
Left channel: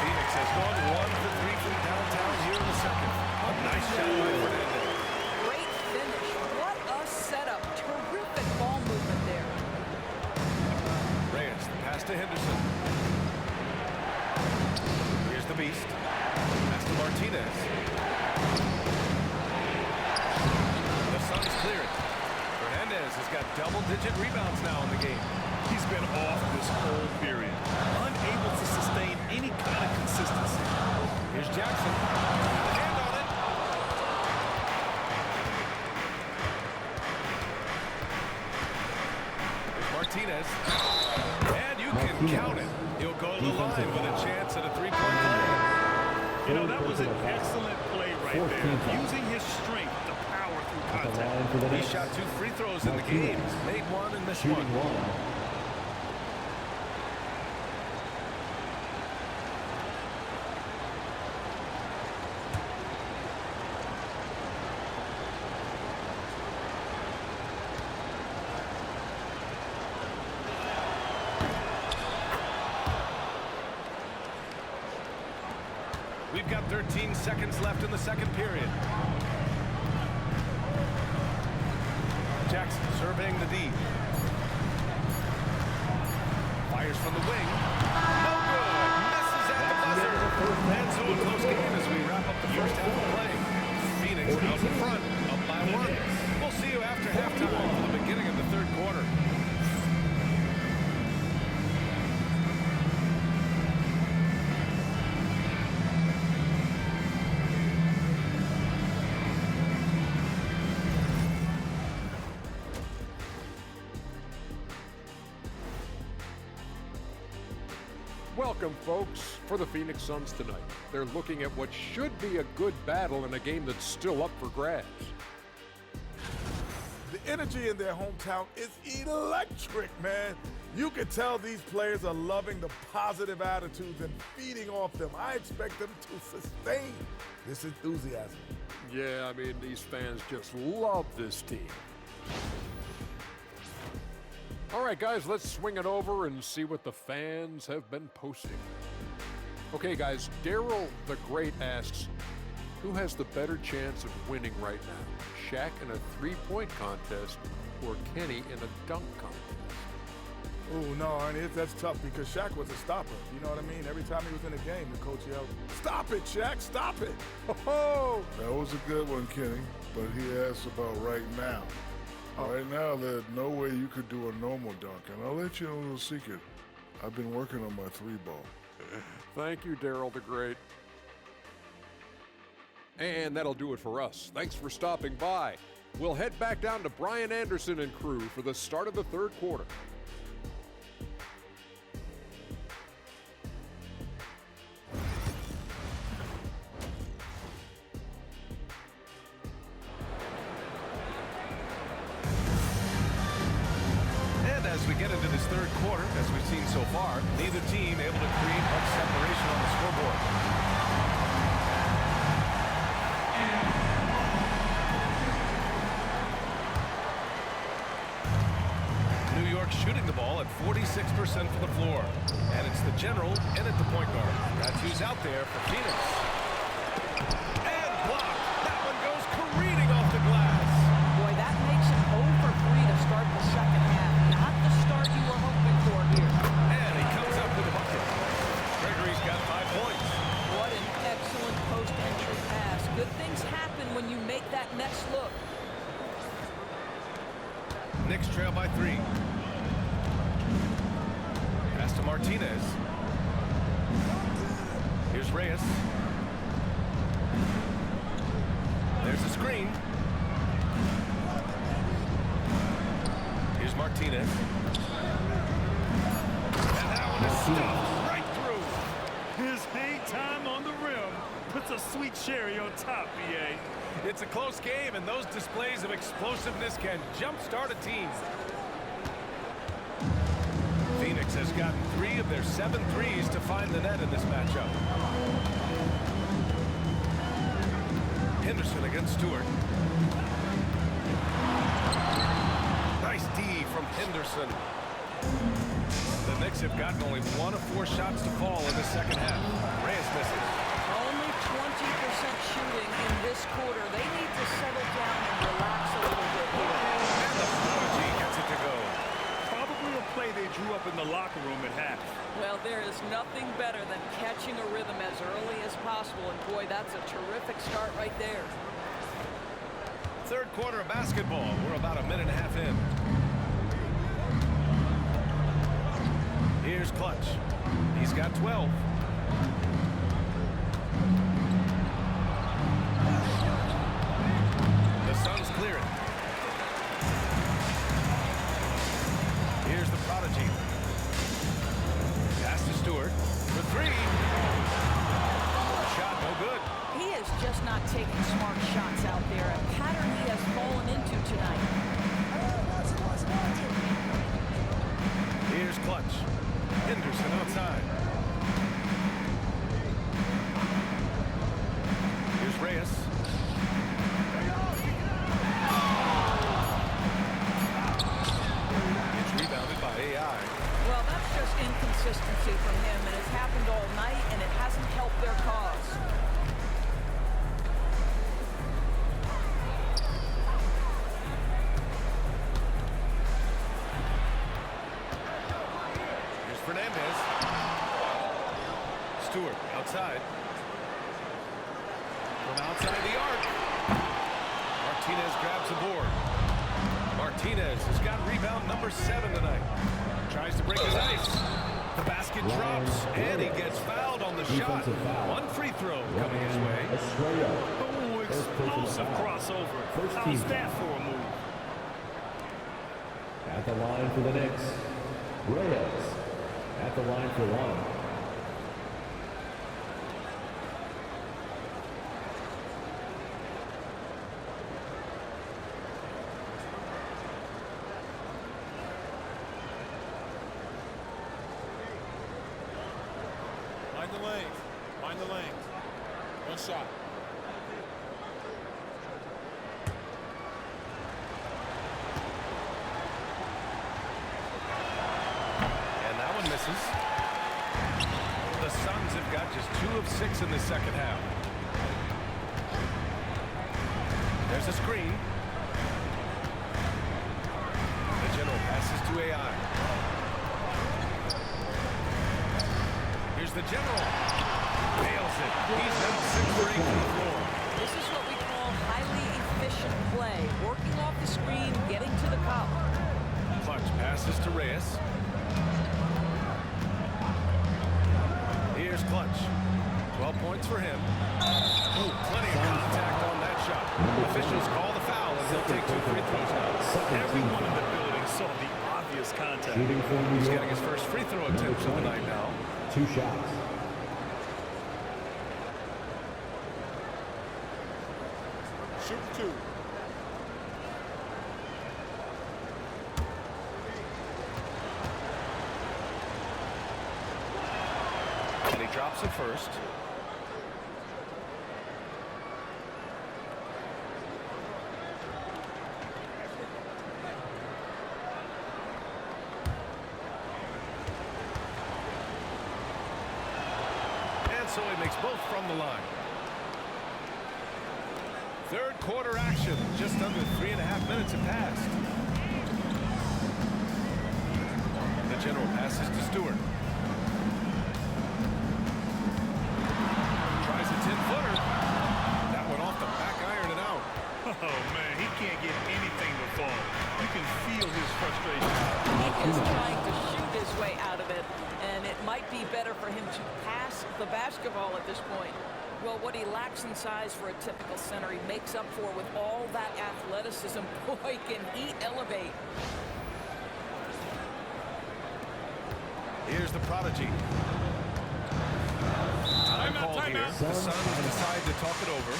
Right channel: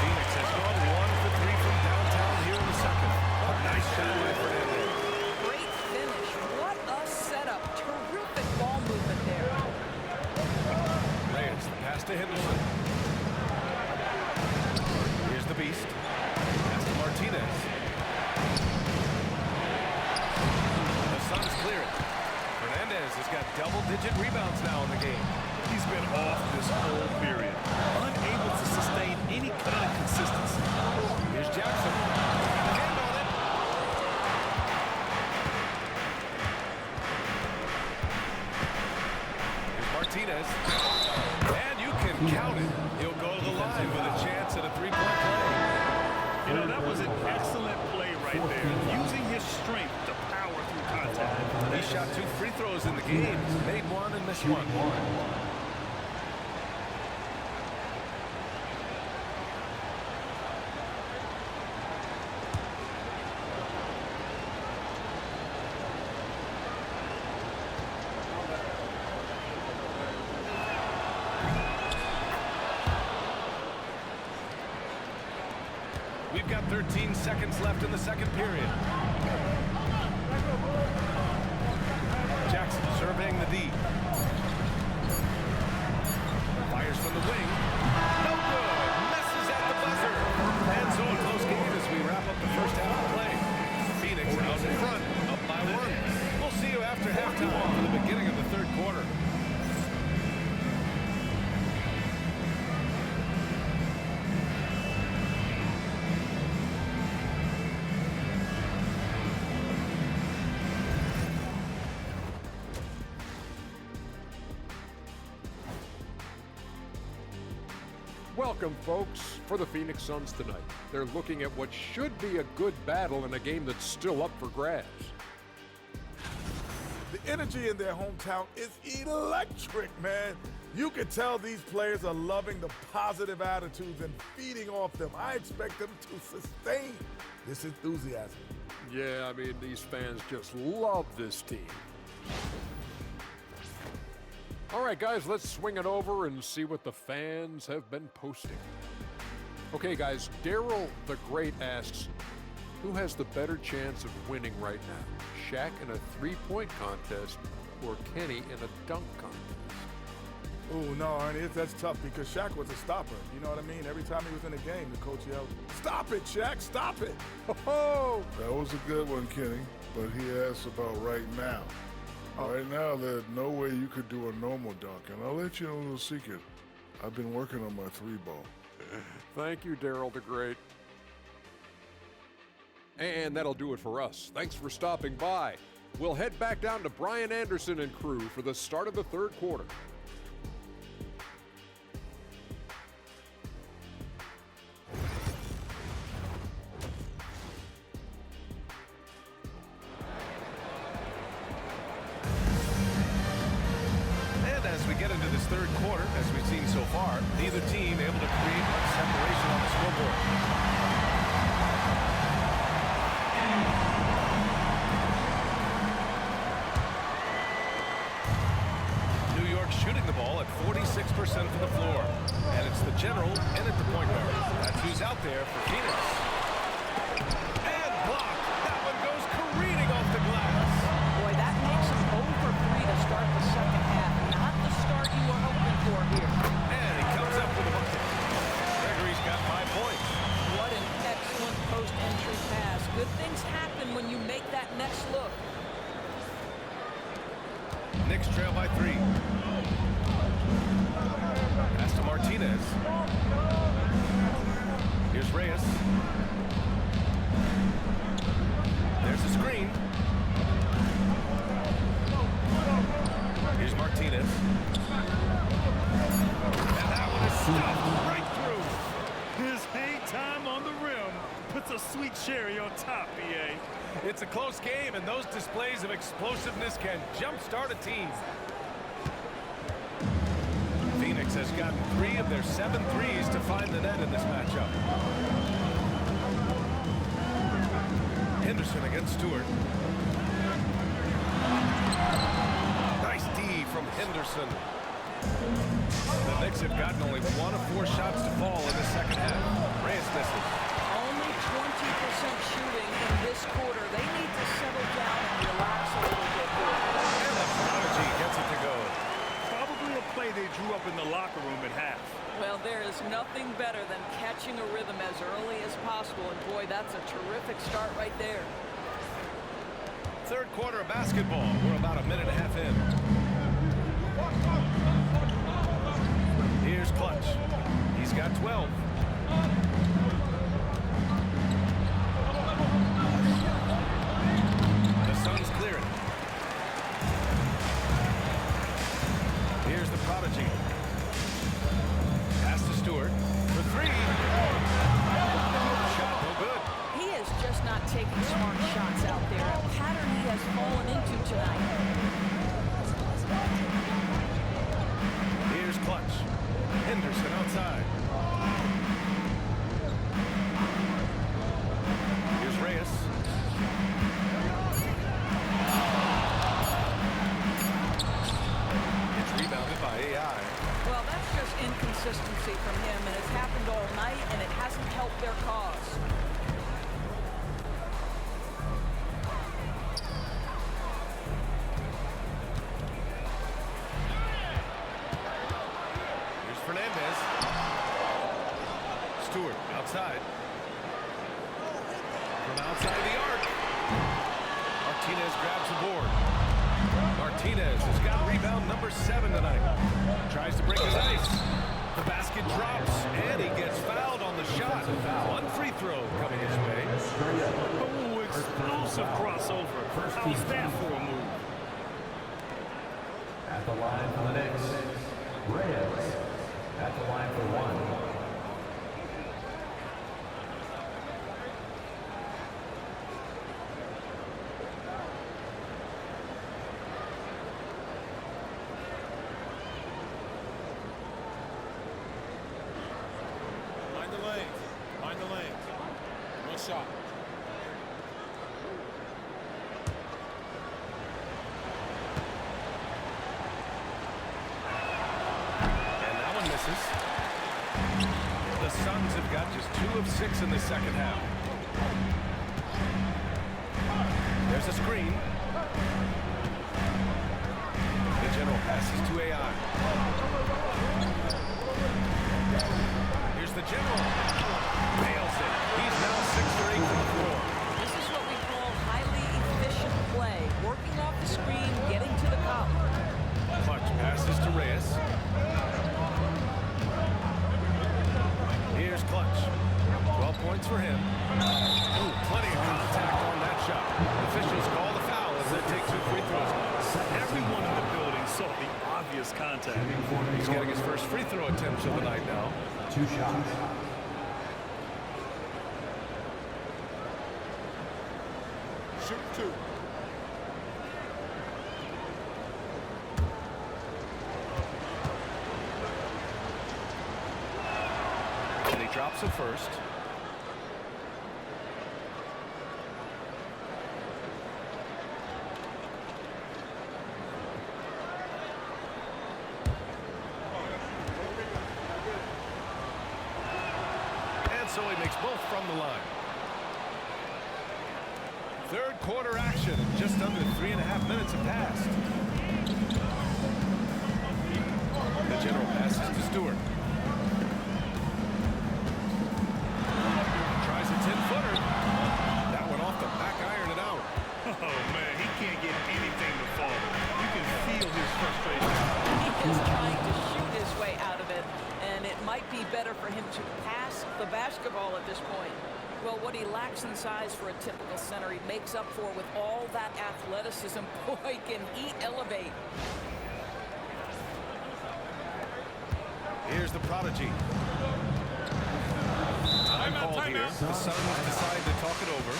Phoenix has gone 1 for 3 from downtown here in the second. A nice shot by Fernandez. Great finish. What a setup. Terrific ball movement there. Reyes, the pass to Henderson. Here's the beast. Pass to Martinez. The Suns clear it. Fernandez has got double-digit rebounds now in the game. He's been off this whole period, unable to sustain any kind of consistency. Here's Jackson. Got a hand on it. Here's Martinez. And you can count it. He'll go to the line with a chance at a three-point play. You know, that was an excellent play right there, using his strength to power through contact. He shot 2 free throws in the game. He's made 1 and missed 1. We've got 13 seconds left in the second period. Jackson surveying the D. Fires from the wing. No good. Misses at the buzzer. And so a close game as we wrap up the first half of play. Phoenix out in front, up by 1. We'll see you after halftime for the beginning of the third quarter. Welcome, folks, for the Phoenix Suns tonight. They're looking at what should be a good battle in a game that's still up for grabs. The energy in their hometown is electric, man. You can tell these players are loving the positive attitudes and feeding off them. I expect them to sustain this enthusiasm. Yeah, I mean, these fans just love this team. All right, guys, let's swing it over and see what the fans have been posting. Okay, guys, Daryl the Great asks, who has the better chance of winning right now? Shaq in a three-point contest or Kenny in a dunk contest? Oh, no, Arnie, that's tough because Shaq was a stopper. You know what I mean? Every time he was in a game, the coach yelled, "Stop it, Shaq, stop it." Oh, that was a good one, Kenny, but he asked about right now. Right now, there's no way you could do a normal dunk, and I'll let you know a little secret. I've been working on my 3-ball. Thank you, Daryl the Great. And that'll do it for us. Thanks for stopping by. We'll head back down to Brian Anderson and crew for the start of the third quarter. As we get into this third quarter, as we've seen so far, neither team able to create much separation on the scoreboard. New York shooting the ball at 46% from the floor. And it's the general and at the point guard. That's who's out there for Phoenix. And blocked. That one goes careening off the glass. Boy, that makes him 0 for 3 to start the second half. Not the start you were hoping for here. And he comes up with a bucket. Gregory's got 5 points. What an excellent post-entry pass. Good things happen when you make that next look. Knicks trail by 3. Pass to Martinez. Here's Reyes. There's the screen. Here's Martinez. And that one is stuffed right His hang time on the rim puts a sweet cherry on top, BA. It's a close game, and those displays of explosiveness can jumpstart a team. Phoenix has gotten 3 of their 7 threes to find the net in this matchup. Henderson against Stewart. Nice D from Henderson. The Knicks have gotten only 1 of 4 shots to fall in the second half. Reyes misses. Only 20% shooting in this quarter. They need to settle down and relax a little bit here. And the Prodigy gets it to go. Probably a play they drew up in the locker room at half. Well, there is nothing better than catching a rhythm as early as possible, and boy, that's a terrific start right there. Third quarter of basketball. We're about a minute and a half in. Here's Clutch. He's got 12. The Suns clear it. Here's the Prodigy. Pass to Stewart for 3. Shot no good. He is just not taking smart shots out there, a pattern he has fallen into tonight. Here's Clutch. Henderson outside. Here's Reyes. It's rebounded by AI. Well, that's just inconsistency from him, and it's happened all night, and it hasn't helped their cause. Here's Fernandez. Stewart outside. From outside the arc. Martinez grabs the board. Martinez has got rebound number 7 tonight. Tries to break his ice. The basket drops, and he gets fouled on the shot. 1 free throw coming his way. Oh, explosive crossover. How's that for a move? At the line for the Knicks, Reyes. At the line for 1. Mind the lanes. Mind the lanes. 1 shot. And that one misses. The Suns have got just 2 of 6 in the second half. There's a screen. The general passes to AI. Here's the general. Nails it. He's now 6 for 8 from the floor. This is what we call highly efficient play, working off the screen, getting to the cup. Clutch passes to Reyes. Here's Clutch. 12 points for him. Ooh, plenty of contact on that shot. Officials call the foul as they'll take 2 free throws now. Everyone in the building saw the obvious contact. He's getting his first free throw attempts of the night now. 2 shots. Shooting 2. And he drops it first. And so he makes both from the line. Third quarter action. Just under 3.5 minutes have passed. The general passes to Stewart. Tries a 10-footer. That one off the back iron and out. Oh, man, he can't get anything to fall. You can feel his frustration. He is trying to shoot his way out of it, and it might be better for him to pass the basketball at this point. Well, what he lacks in size for a typical center, he makes up for with all that athleticism. Boy, can he elevate. Here's the Prodigy. Time called here. The Suns decide to talk it over.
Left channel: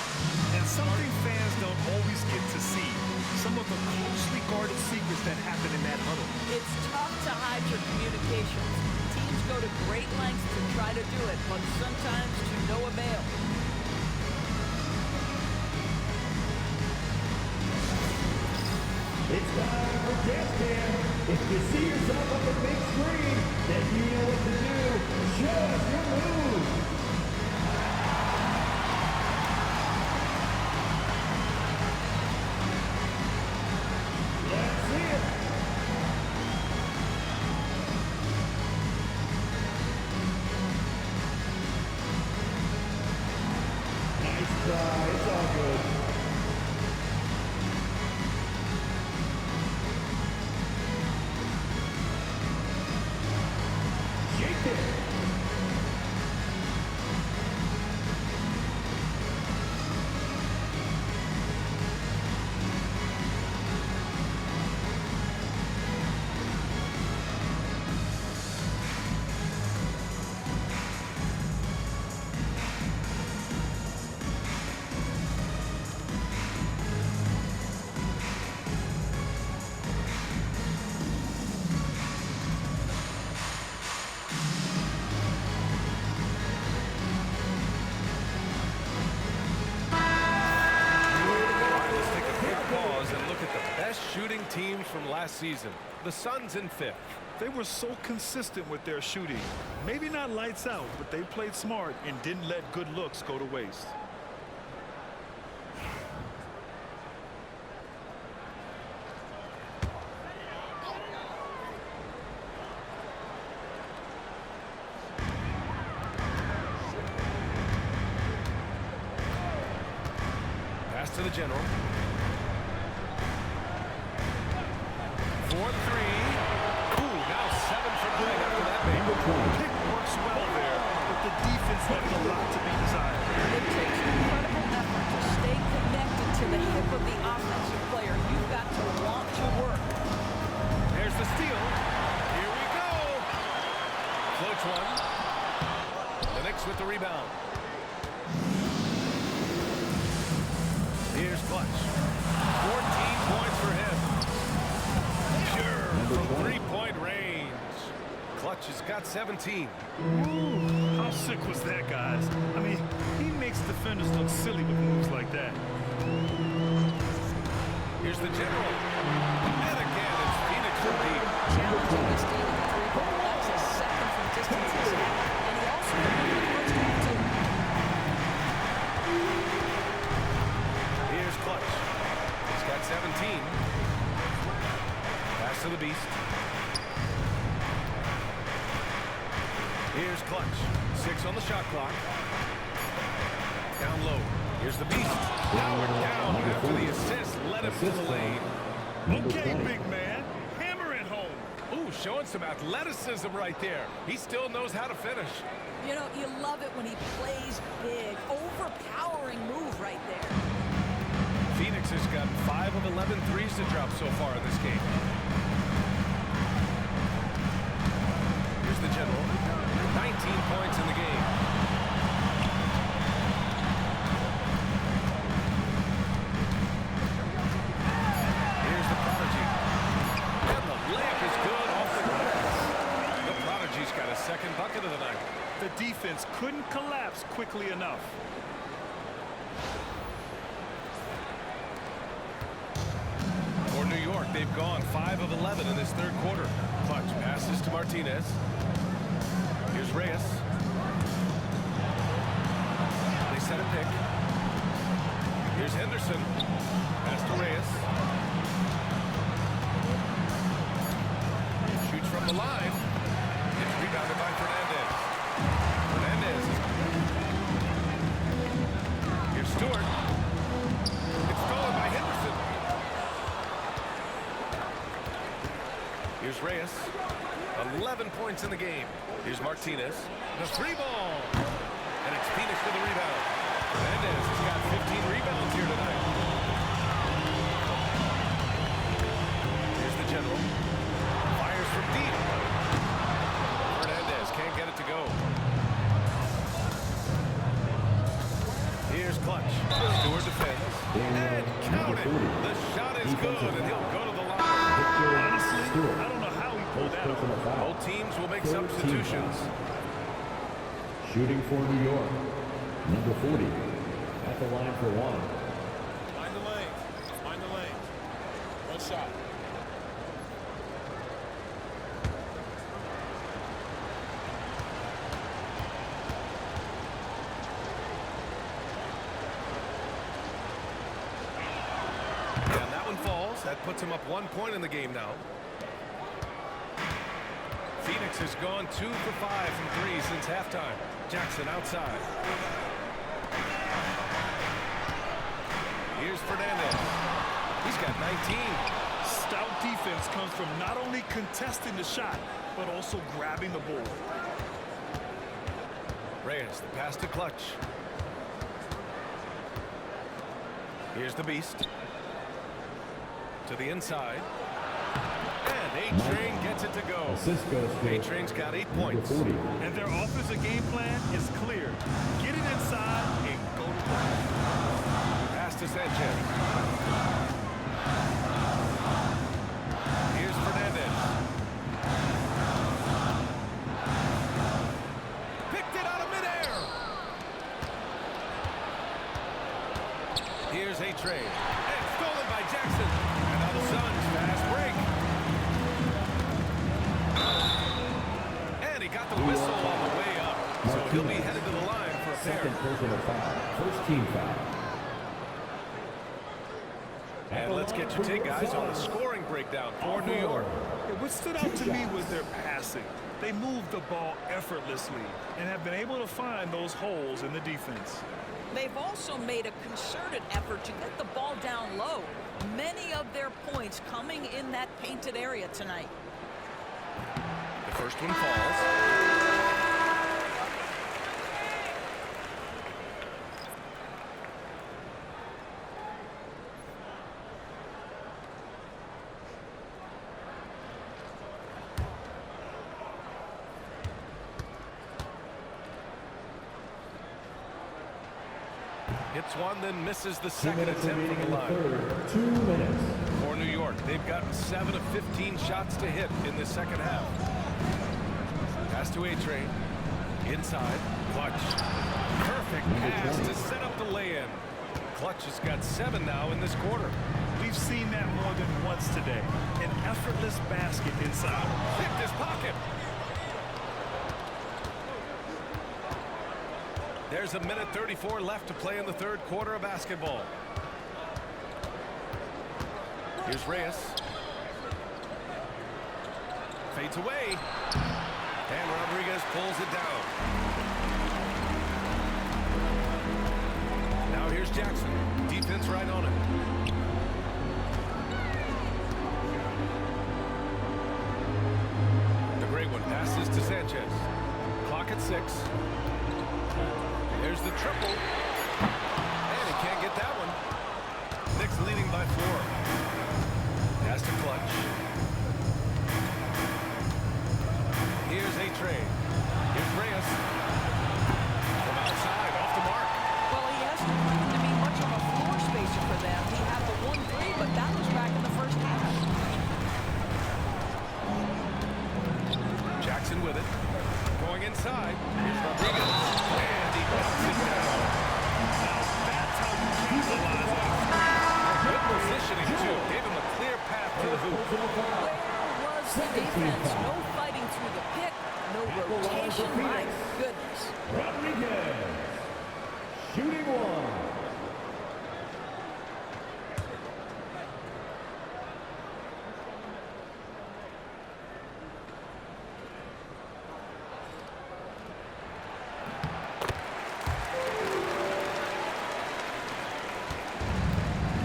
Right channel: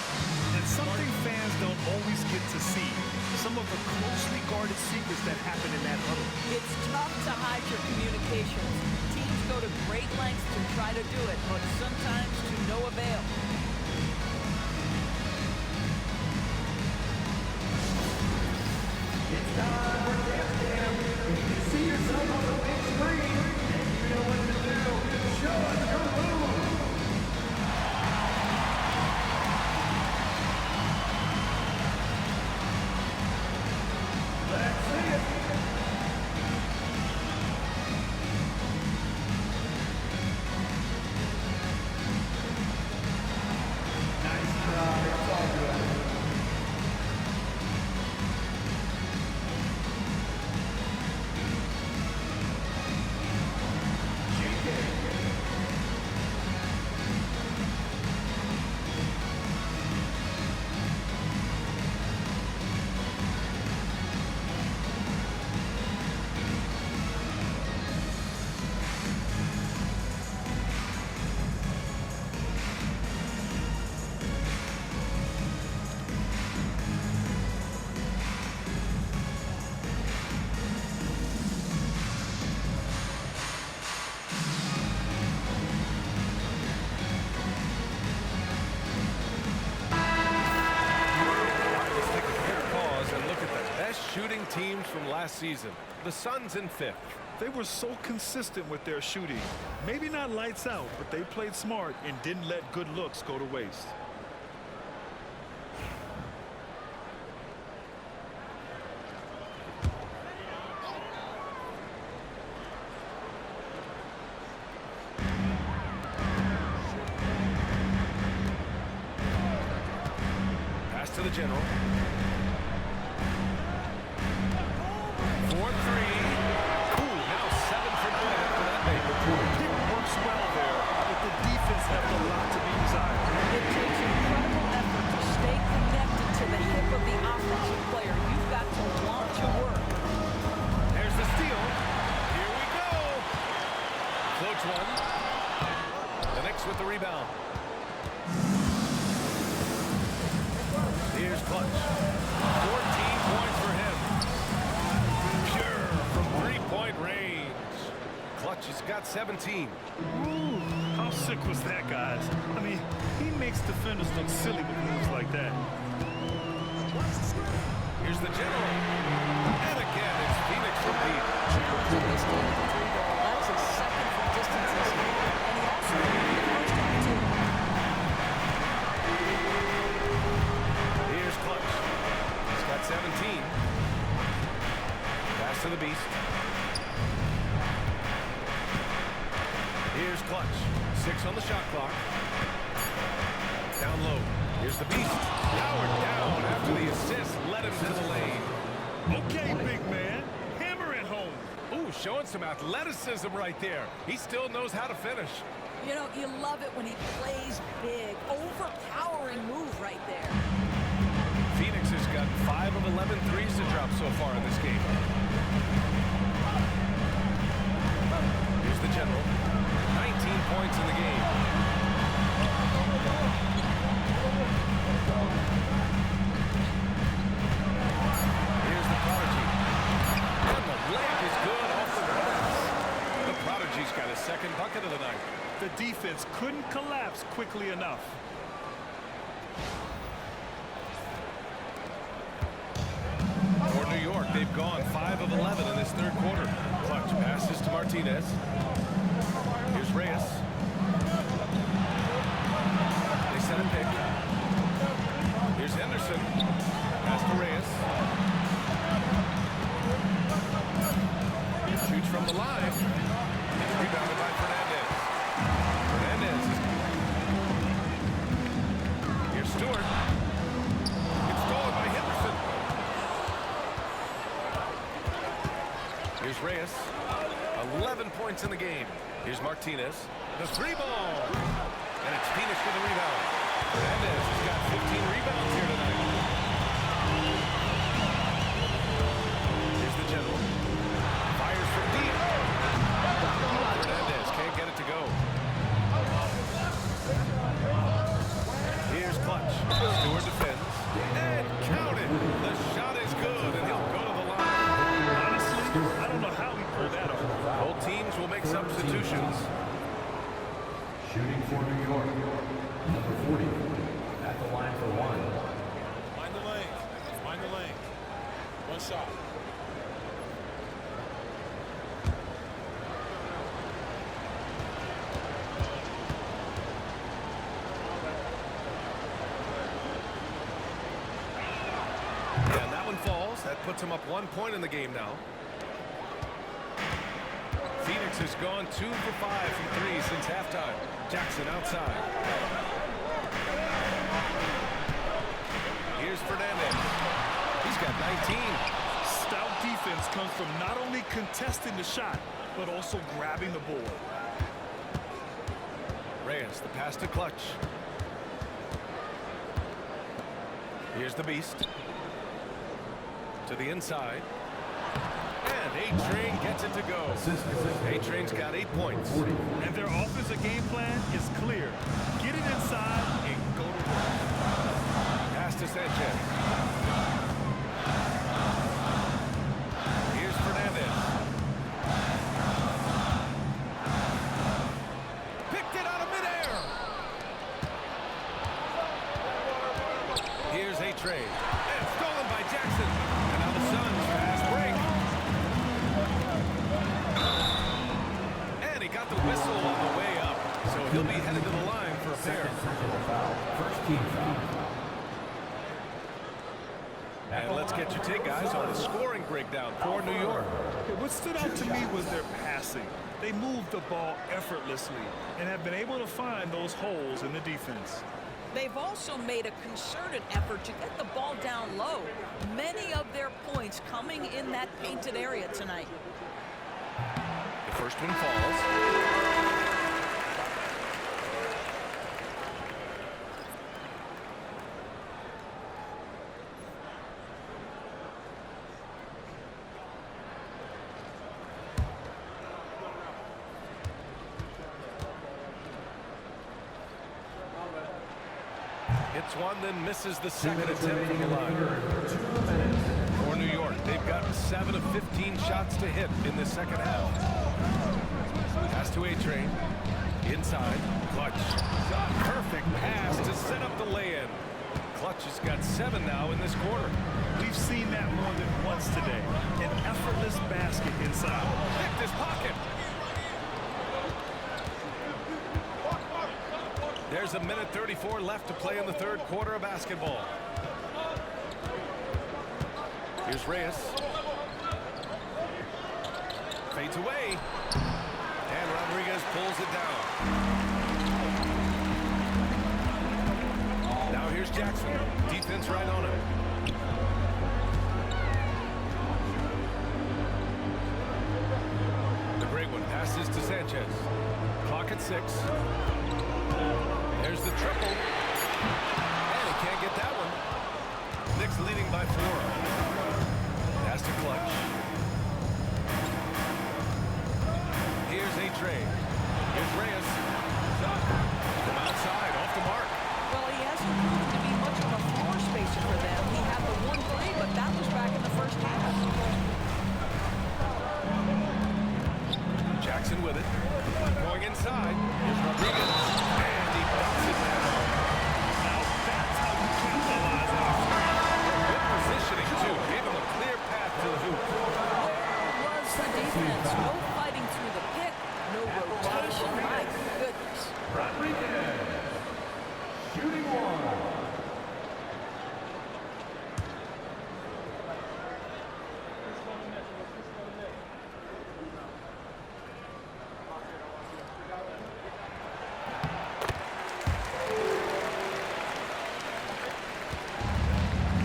And something fans don't always get to see. Some of the closely guarded secrets that happen in that huddle. It's tough to hide your communications. Teams go to great lengths to try to do it, but sometimes to no avail. It's time for Dance Cam. If you see yourself on the big screen, then you know what to do. Show us your move. Let's see it. Nice try. It's all good. And look at the best shooting teams from last season. The Suns in 5th. They were so consistent with their shooting. Maybe not lights out, but they played smart and didn't let good looks go to waste. Pass to the general. 4-3. Ooh, now 7 for Glenn after that make. Pick works well there, but the defense left a lot to be desired. It takes incredible effort to stay connected to the hip of the offensive player. You've got to want to work. There's the steal. Here we go. Floats one. The Knicks with the rebound. Here's Clutch. 14 points for him. Pure from three-point range. Clutch has got 17. Ooh, how sick was that, guys? I mean, he makes defenders look silly with moves like that. Here's the general. And again, it's Phoenix from deep. Challenging this team with the 3-ball. That's his second from distance this half. And he also hit one in the first half, too. Here's Clutch. He's got 17. Pass to the Beast. Here's Clutch. 6 on the shot clock. Down low. Here's the Beast. Powered down after the assist led him to the lane. Okay, big man. Hammer it home. Ooh, showing some athleticism right there. He still knows how to finish. You know, you love it when he plays big. Overpowering move right there. Phoenix has gotten 5 of 11 threes to drop so far in this game. Here's the general. 19 points in the game. Here's the Prodigy. And the layup is good off the glass. The Prodigy's got his second bucket of the night. The defense couldn't collapse quickly enough. For New York, they've gone 5 of 11 in this third quarter. Clutch passes to Martinez. Here's Reyes. They set a pick. Here's Henderson. Pass to Reyes. Shoots from the line. It's rebounded by Fernandez. Fernandez. Here's Stewart. It's stolen by Henderson. Here's Reyes. 11 points in the game. Here's Martinez. The 3-ball. And it's Phoenix with the rebound. Fernandez has got 15 rebounds here tonight. Here's the general. Fires from deep. Fernandez can't get it to go. Here's Clutch. Stewart defends. And counted. The shot is good, and he'll go to the line. Honestly, I don't know how he pulled that off. Both teams will make substitutions. Shooting for New York, number 40, at the line for one. Find the lanes. Find the lanes. One shot. And that one falls. That puts him up 1 point in the game now. Phoenix has gone 2 for 5 from 3 since halftime. Jackson outside. Here's Fernandez. He's got 19. Stout defense comes from not only contesting the shot, but also grabbing the board. Reyes, the pass to Clutch. Here's the Beast. To the inside. And A-Train gets it to go. A-Train's got 8 points. And their offensive game plan is clear. Get it inside and go to work. Pass to Sanchez. Here's Fernandez. Picked it out of midair. Here's A-Train. And stolen by Jackson. And now the Suns fast break. And he got the whistle on the way up. So he'll be headed to the line for a pair. Personal foul. First team foul. And let's get your take, guys, on the scoring breakdown for New York. What stood out to me was their passing. They moved the ball effortlessly and have been able to find those holes in the defense. They've also made a concerted effort to get the ball down low. Many of their points coming in that painted area tonight. The first one falls. Hits one, then misses the second attempt from the line. 2 minutes. For New York, they've gotten 7 of 15 shots to hit in the second half. Pass to A-Train. Inside. Clutch. Perfect pass to set up the lay-in. Clutch has got 7 now in this quarter. We've seen that more than once today. An effortless basket inside. Picked his pocket. There's a minute 34 left to play in the third quarter of basketball. Here's Reyes. Fades away. And Rodriguez pulls it down. Now here's Jackson. Defense right on him. The great one passes to Sanchez. Clock at 6. There's the triple. And he can't get that one. Knicks leading by 4. Pass to Clutch. Here's A-Train. Here's Reyes. From outside, off the mark. Well, he hasn't proven to be much of a floor spacer for them. He had the 1-3, but that was back in the first half. Jackson with it. Going inside. Here's Rodriguez. And he dumps it down. Now that's how you capitalize on a screen. Good positioning, too. Gave him a clear path to the hoop. Where was the defense? No fighting through the pick, no rotation. My goodness. Rodriguez. Shooting one.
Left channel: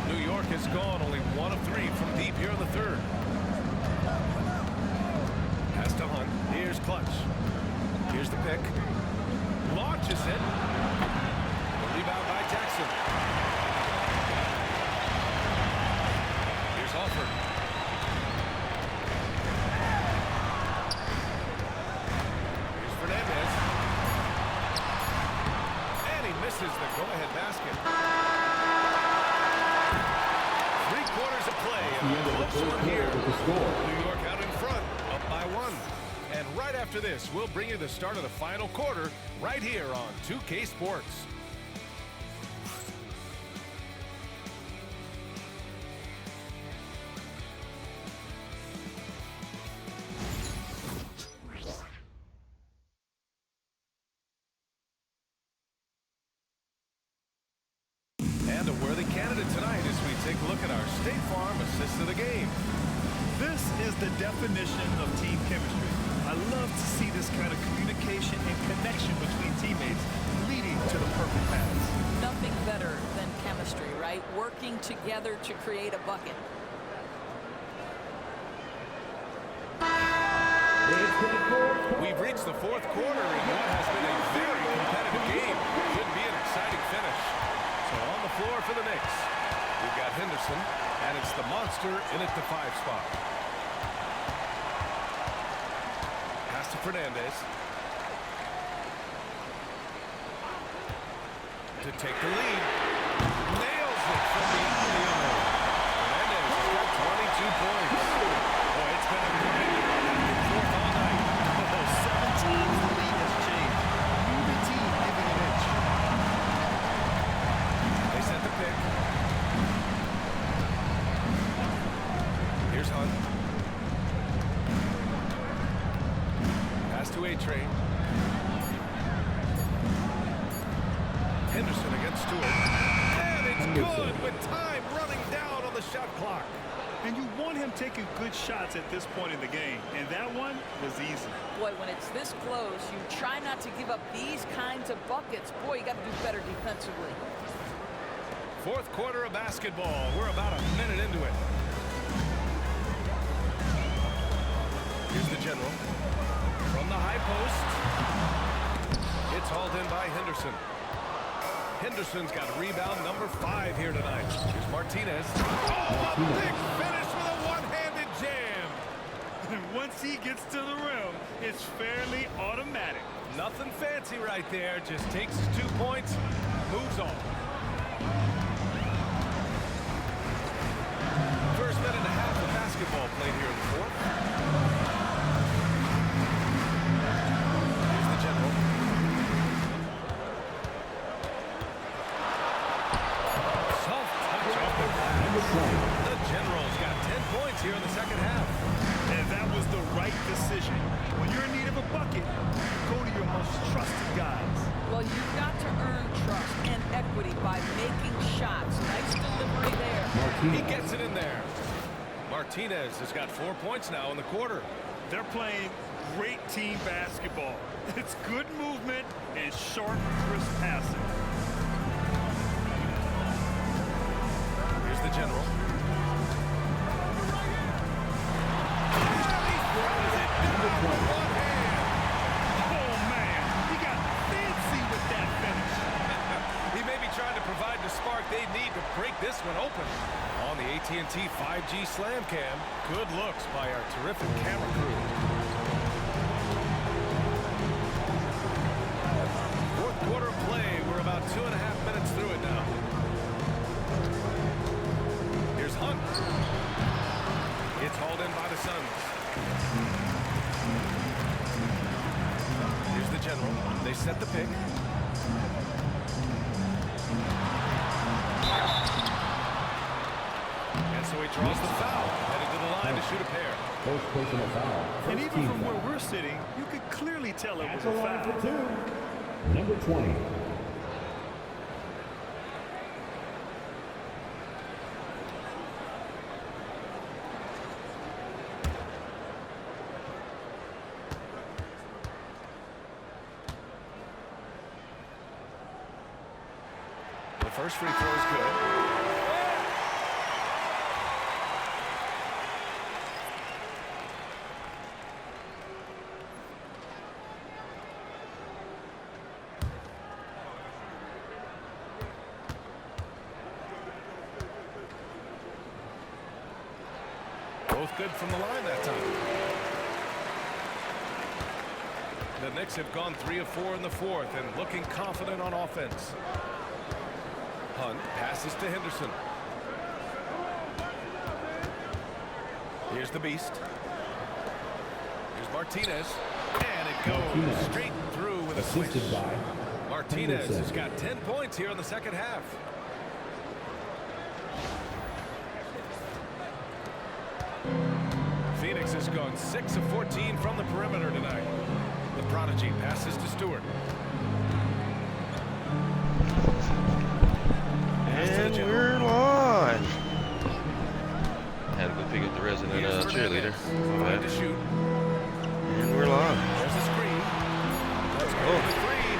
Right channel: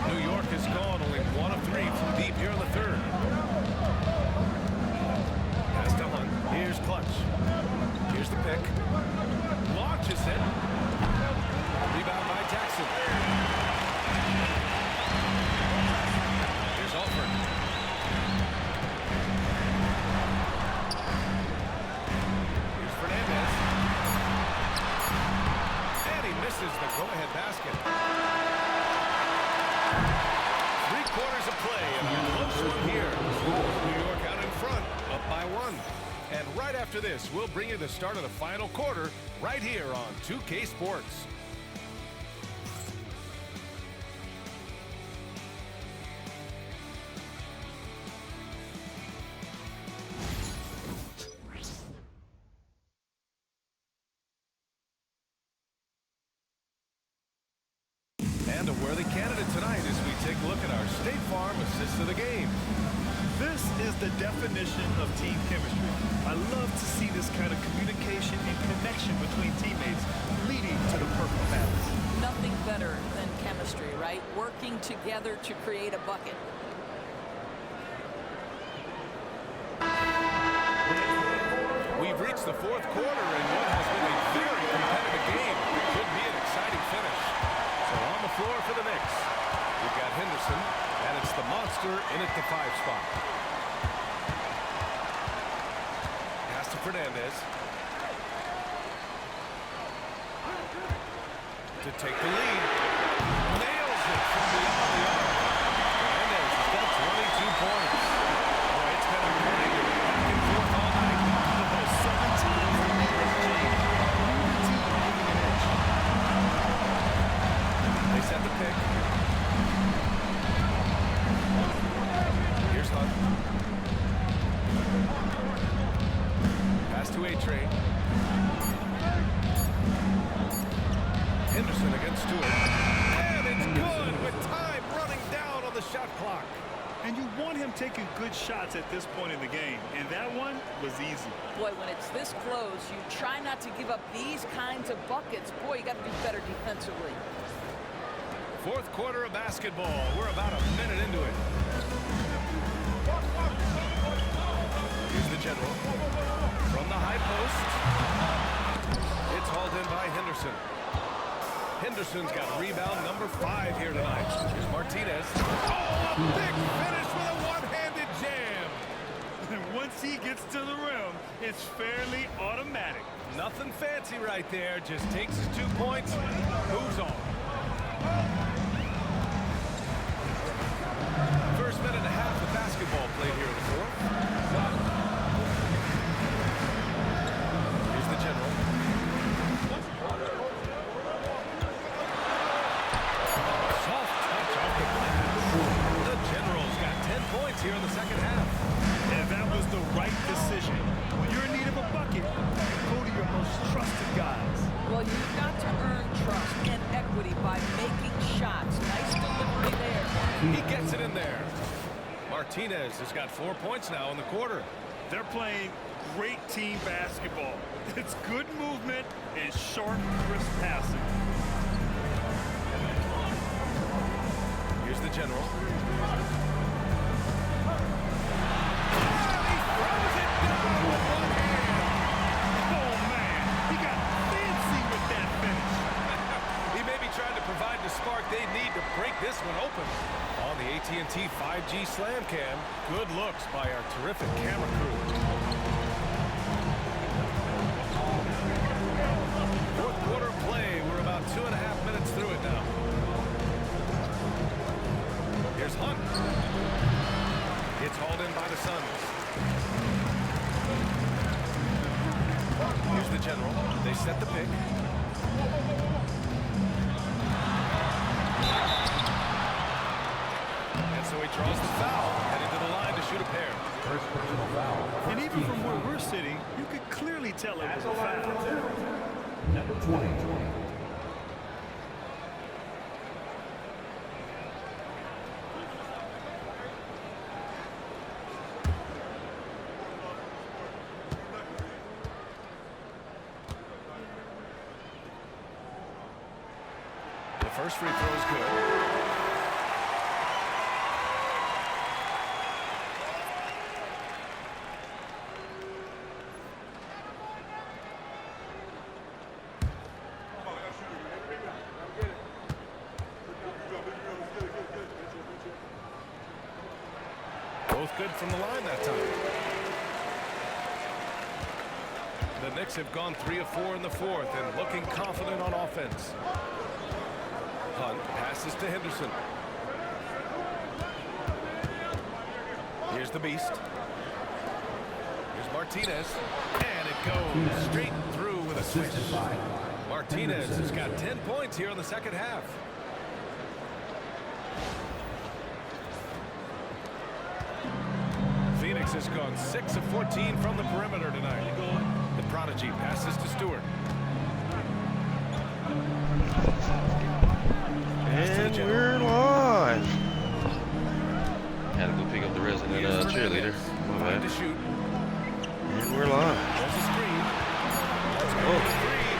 New York has gone only 1 of 3 from deep here in the third. Pass to Hunt. Here's Clutch. Here's the pick. Launches it. Rebound by Jackson. Here's Alford. Here's Fernandez. And he misses misses the go-ahead basket. 3 quarters of play and a close one here. New York out in front, up by 1. And right after this, we'll bring you the start of the final quarter right here on 2K Sports. And a worthy candidate tonight as we take a look at our State Farm assist of the game. This is the definition of team chemistry. I love to see this kind of communication and connection between teammates leading to the perfect pass. Nothing better than chemistry, right? Working together to create a bucket. We've reached the 4th quarter in what has been a very competitive game. Should be an exciting finish. So on the floor for the Knicks, we've got Henderson, and it's the monster in at the 5 spot. Pass to Fernandez. To take the lead. Nails it from beyond the arc. Fernandez has got 22 points. Boy, it's been a grinder back and forth all night. Oh, 7 times the lead has changed. Neither team giving an inch. They set the pick. Here's Hunt. Pass to A-Train. Henderson against Stewart. And it's good with time running down on the shot clock. And you want him taking good shots at this point in the game. And that one was easy. Boy, when it's this close, you try not to give up these kinds of buckets. Boy, you got to do better defensively. 4th quarter of basketball. We're about a minute into it. Here's the general. From the high post. It's hauled in by Henderson. Henderson's got rebound number 5 here tonight. Here's Martinez. Oh, a big finish with a one-handed jam. And once he gets to the rim, it's fairly automatic. Nothing fancy right there. Just takes his 2 points, moves on. First minute and a half of basketball played here in the 4th. Here's the general. Soft touch off the glass. The general's got 10 points here in the 2nd half. And that was the right decision. When you're in need of a bucket, you go to your most trusted guys. Well, you've got to earn trust and equity by making shots. Nice delivery there. He gets it in there. Martinez has got 4 points now in the quarter. They're playing great team basketball. It's good movement and sharp, crisp passing. Here's the general. And he throws it down with one hand. Oh, man. He got fancy with that finish. He may be trying to provide the spark they need to break this one open. On the AT&T 5G Slam Cam, good looks by our terrific camera crew. 4th quarter of play. We're about 2.5 minutes through it now. Here's Hunt. It's hauled in by the Suns. Here's the general. They set the pick. And so he draws the foul, headed to the line to shoot a pair. First personal foul. And even from where we're sitting, you could clearly tell it was a foul. Number 20. The first free throw is good. Both good from the line that time. The Knicks have gone 3 of 4 in the fourth and looking confident on offense. Hunt passes to Henderson. Here's the Beast. Here's Martinez. And it goes straight through with a switch. Martinez has got 10 points here in the second half. Phoenix has gone 6 of 14 from the perimeter tonight. The prodigy passes to Stewart. And we're live. Had to go pick up the resident cheerleader. My bad. To shoot. And we're live. There's a screen. Let's go to the three.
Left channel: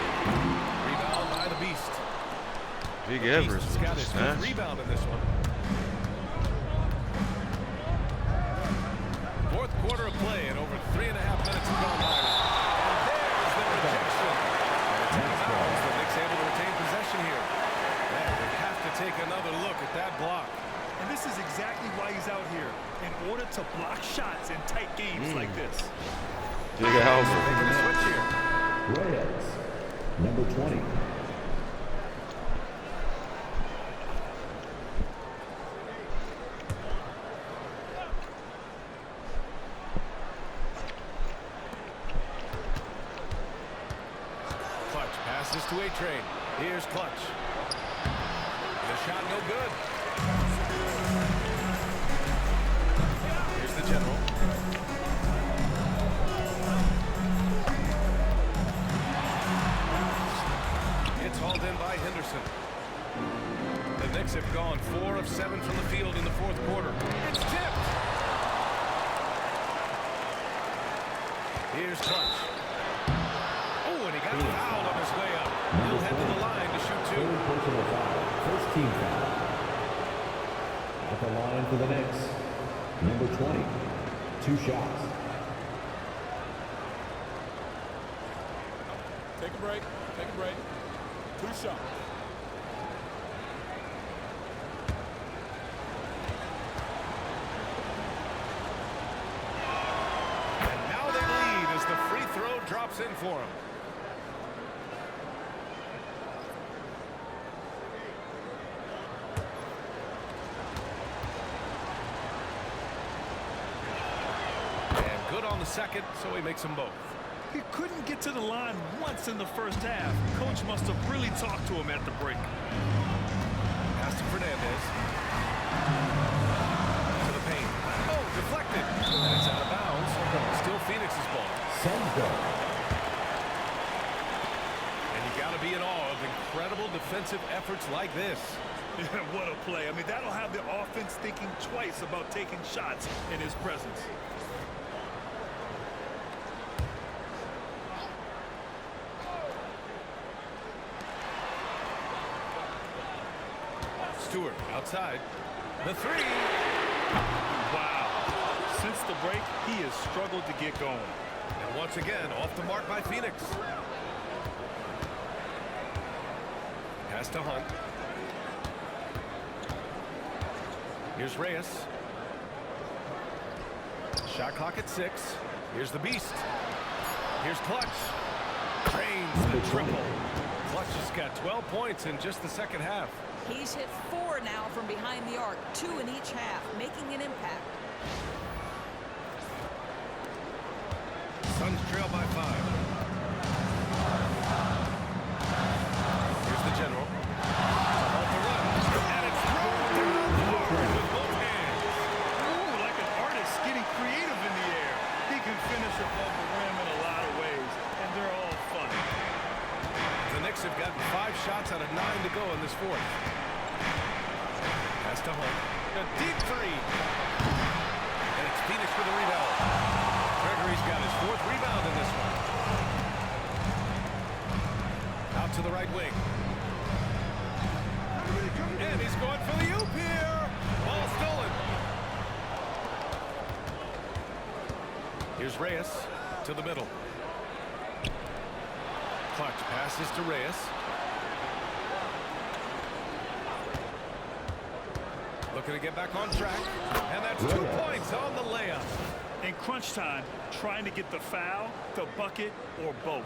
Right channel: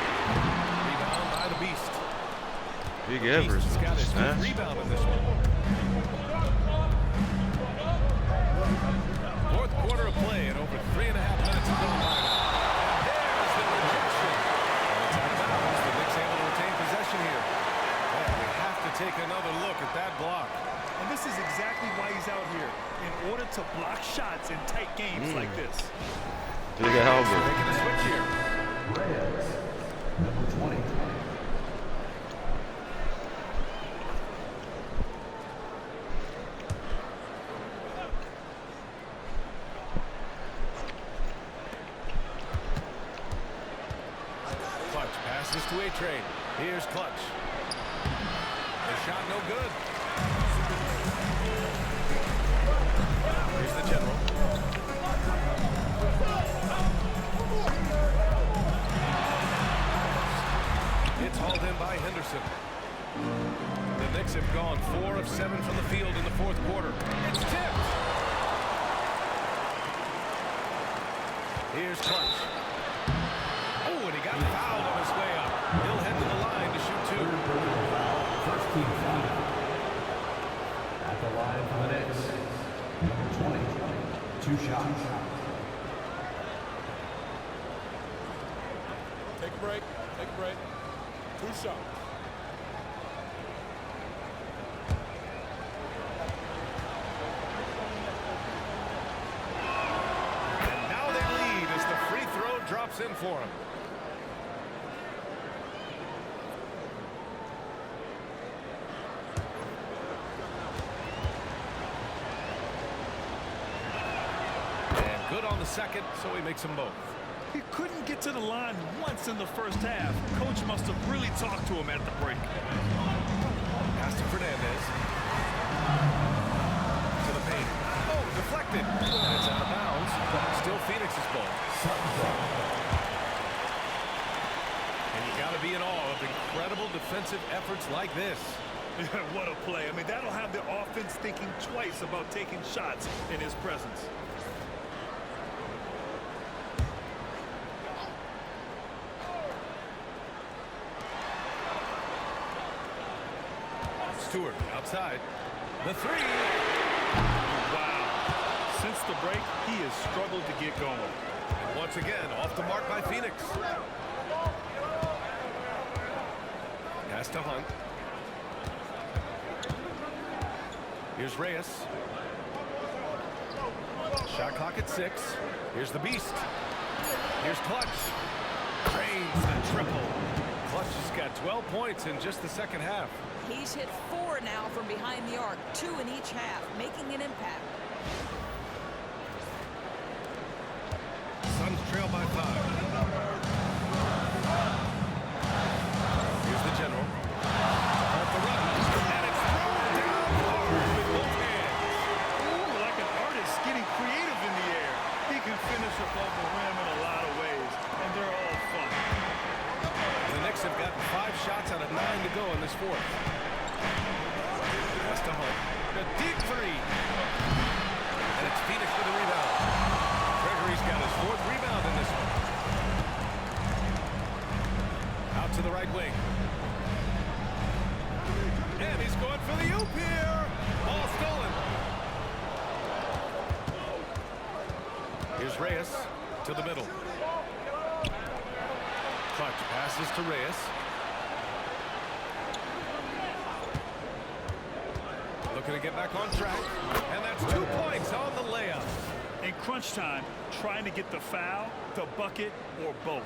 Rebound by the Beast. Big The Evers Beast has with got the his snatch. fifth rebound in this one. Fourth quarter of play and over 3.5 minutes have gone by now. And there's the rejection. And it's out of bounds. The Knicks able to retain possession here. Man, we have to take another look at that block. And this is exactly why he's out here, in order to block shots in tight games like this. Big Albert. Making a switch here. Reyes, number 20. Clutch passes to A-Train. Here's Clutch. The shot no good. Here's the General. It's hauled in by Henderson. The Knicks have gone 4 of 7 from the field in the fourth quarter. It's tipped. Here's Clutch. Oh, and he got fouled on his way up. He'll head to the line to shoot 2. Personal foul. First team foul. At the line for the Knicks, number 20. 2 shots. Take a break. Take a break. 2 shots. And now they lead as the free throw drops in for him. And good on the second, so he makes them both. He couldn't get to the line once in the first half. Coach must have really talked to him at the break. Pass to Fernandez. To the paint. Oh, deflected. And it's out of bounds. Still Phoenix's ball. And you got to be in awe of incredible defensive efforts like this. Yeah, what a play. I mean, that'll have the offense thinking twice about taking shots in his presence. Stewart outside. The three. Wow. Since the break, he has struggled to get going. And once again, off the mark by Phoenix. Pass to Hunt. Here's Reyes. Shot clock at 6. Here's the Beast. Here's Clutch. Drains the triple. Clutch has got 12 points in just the second half. He's hit 4 now from behind the arc, 2 in each half, making an impact. Suns trail by 5. Here's the General. To halt the run. And it's thrown down hard with both hands. Ooh, like an artist getting creative in the air. He can finish above the rim in a lot of ways, and they're all fun. The Knicks have gotten 5 shots out of 9 to go in this fourth. Pass to Hunt. A deep 3. And it's Phoenix for the rebound. Gregory's got his 4th rebound in this one. Out to the right wing. And he's going for the oop here. Ball stolen. Here's Reyes to the middle. Clutch passes to Reyes. Looking to get back on track. And that's 2 points on the layup. In crunch time, trying to get the foul, the bucket, or both.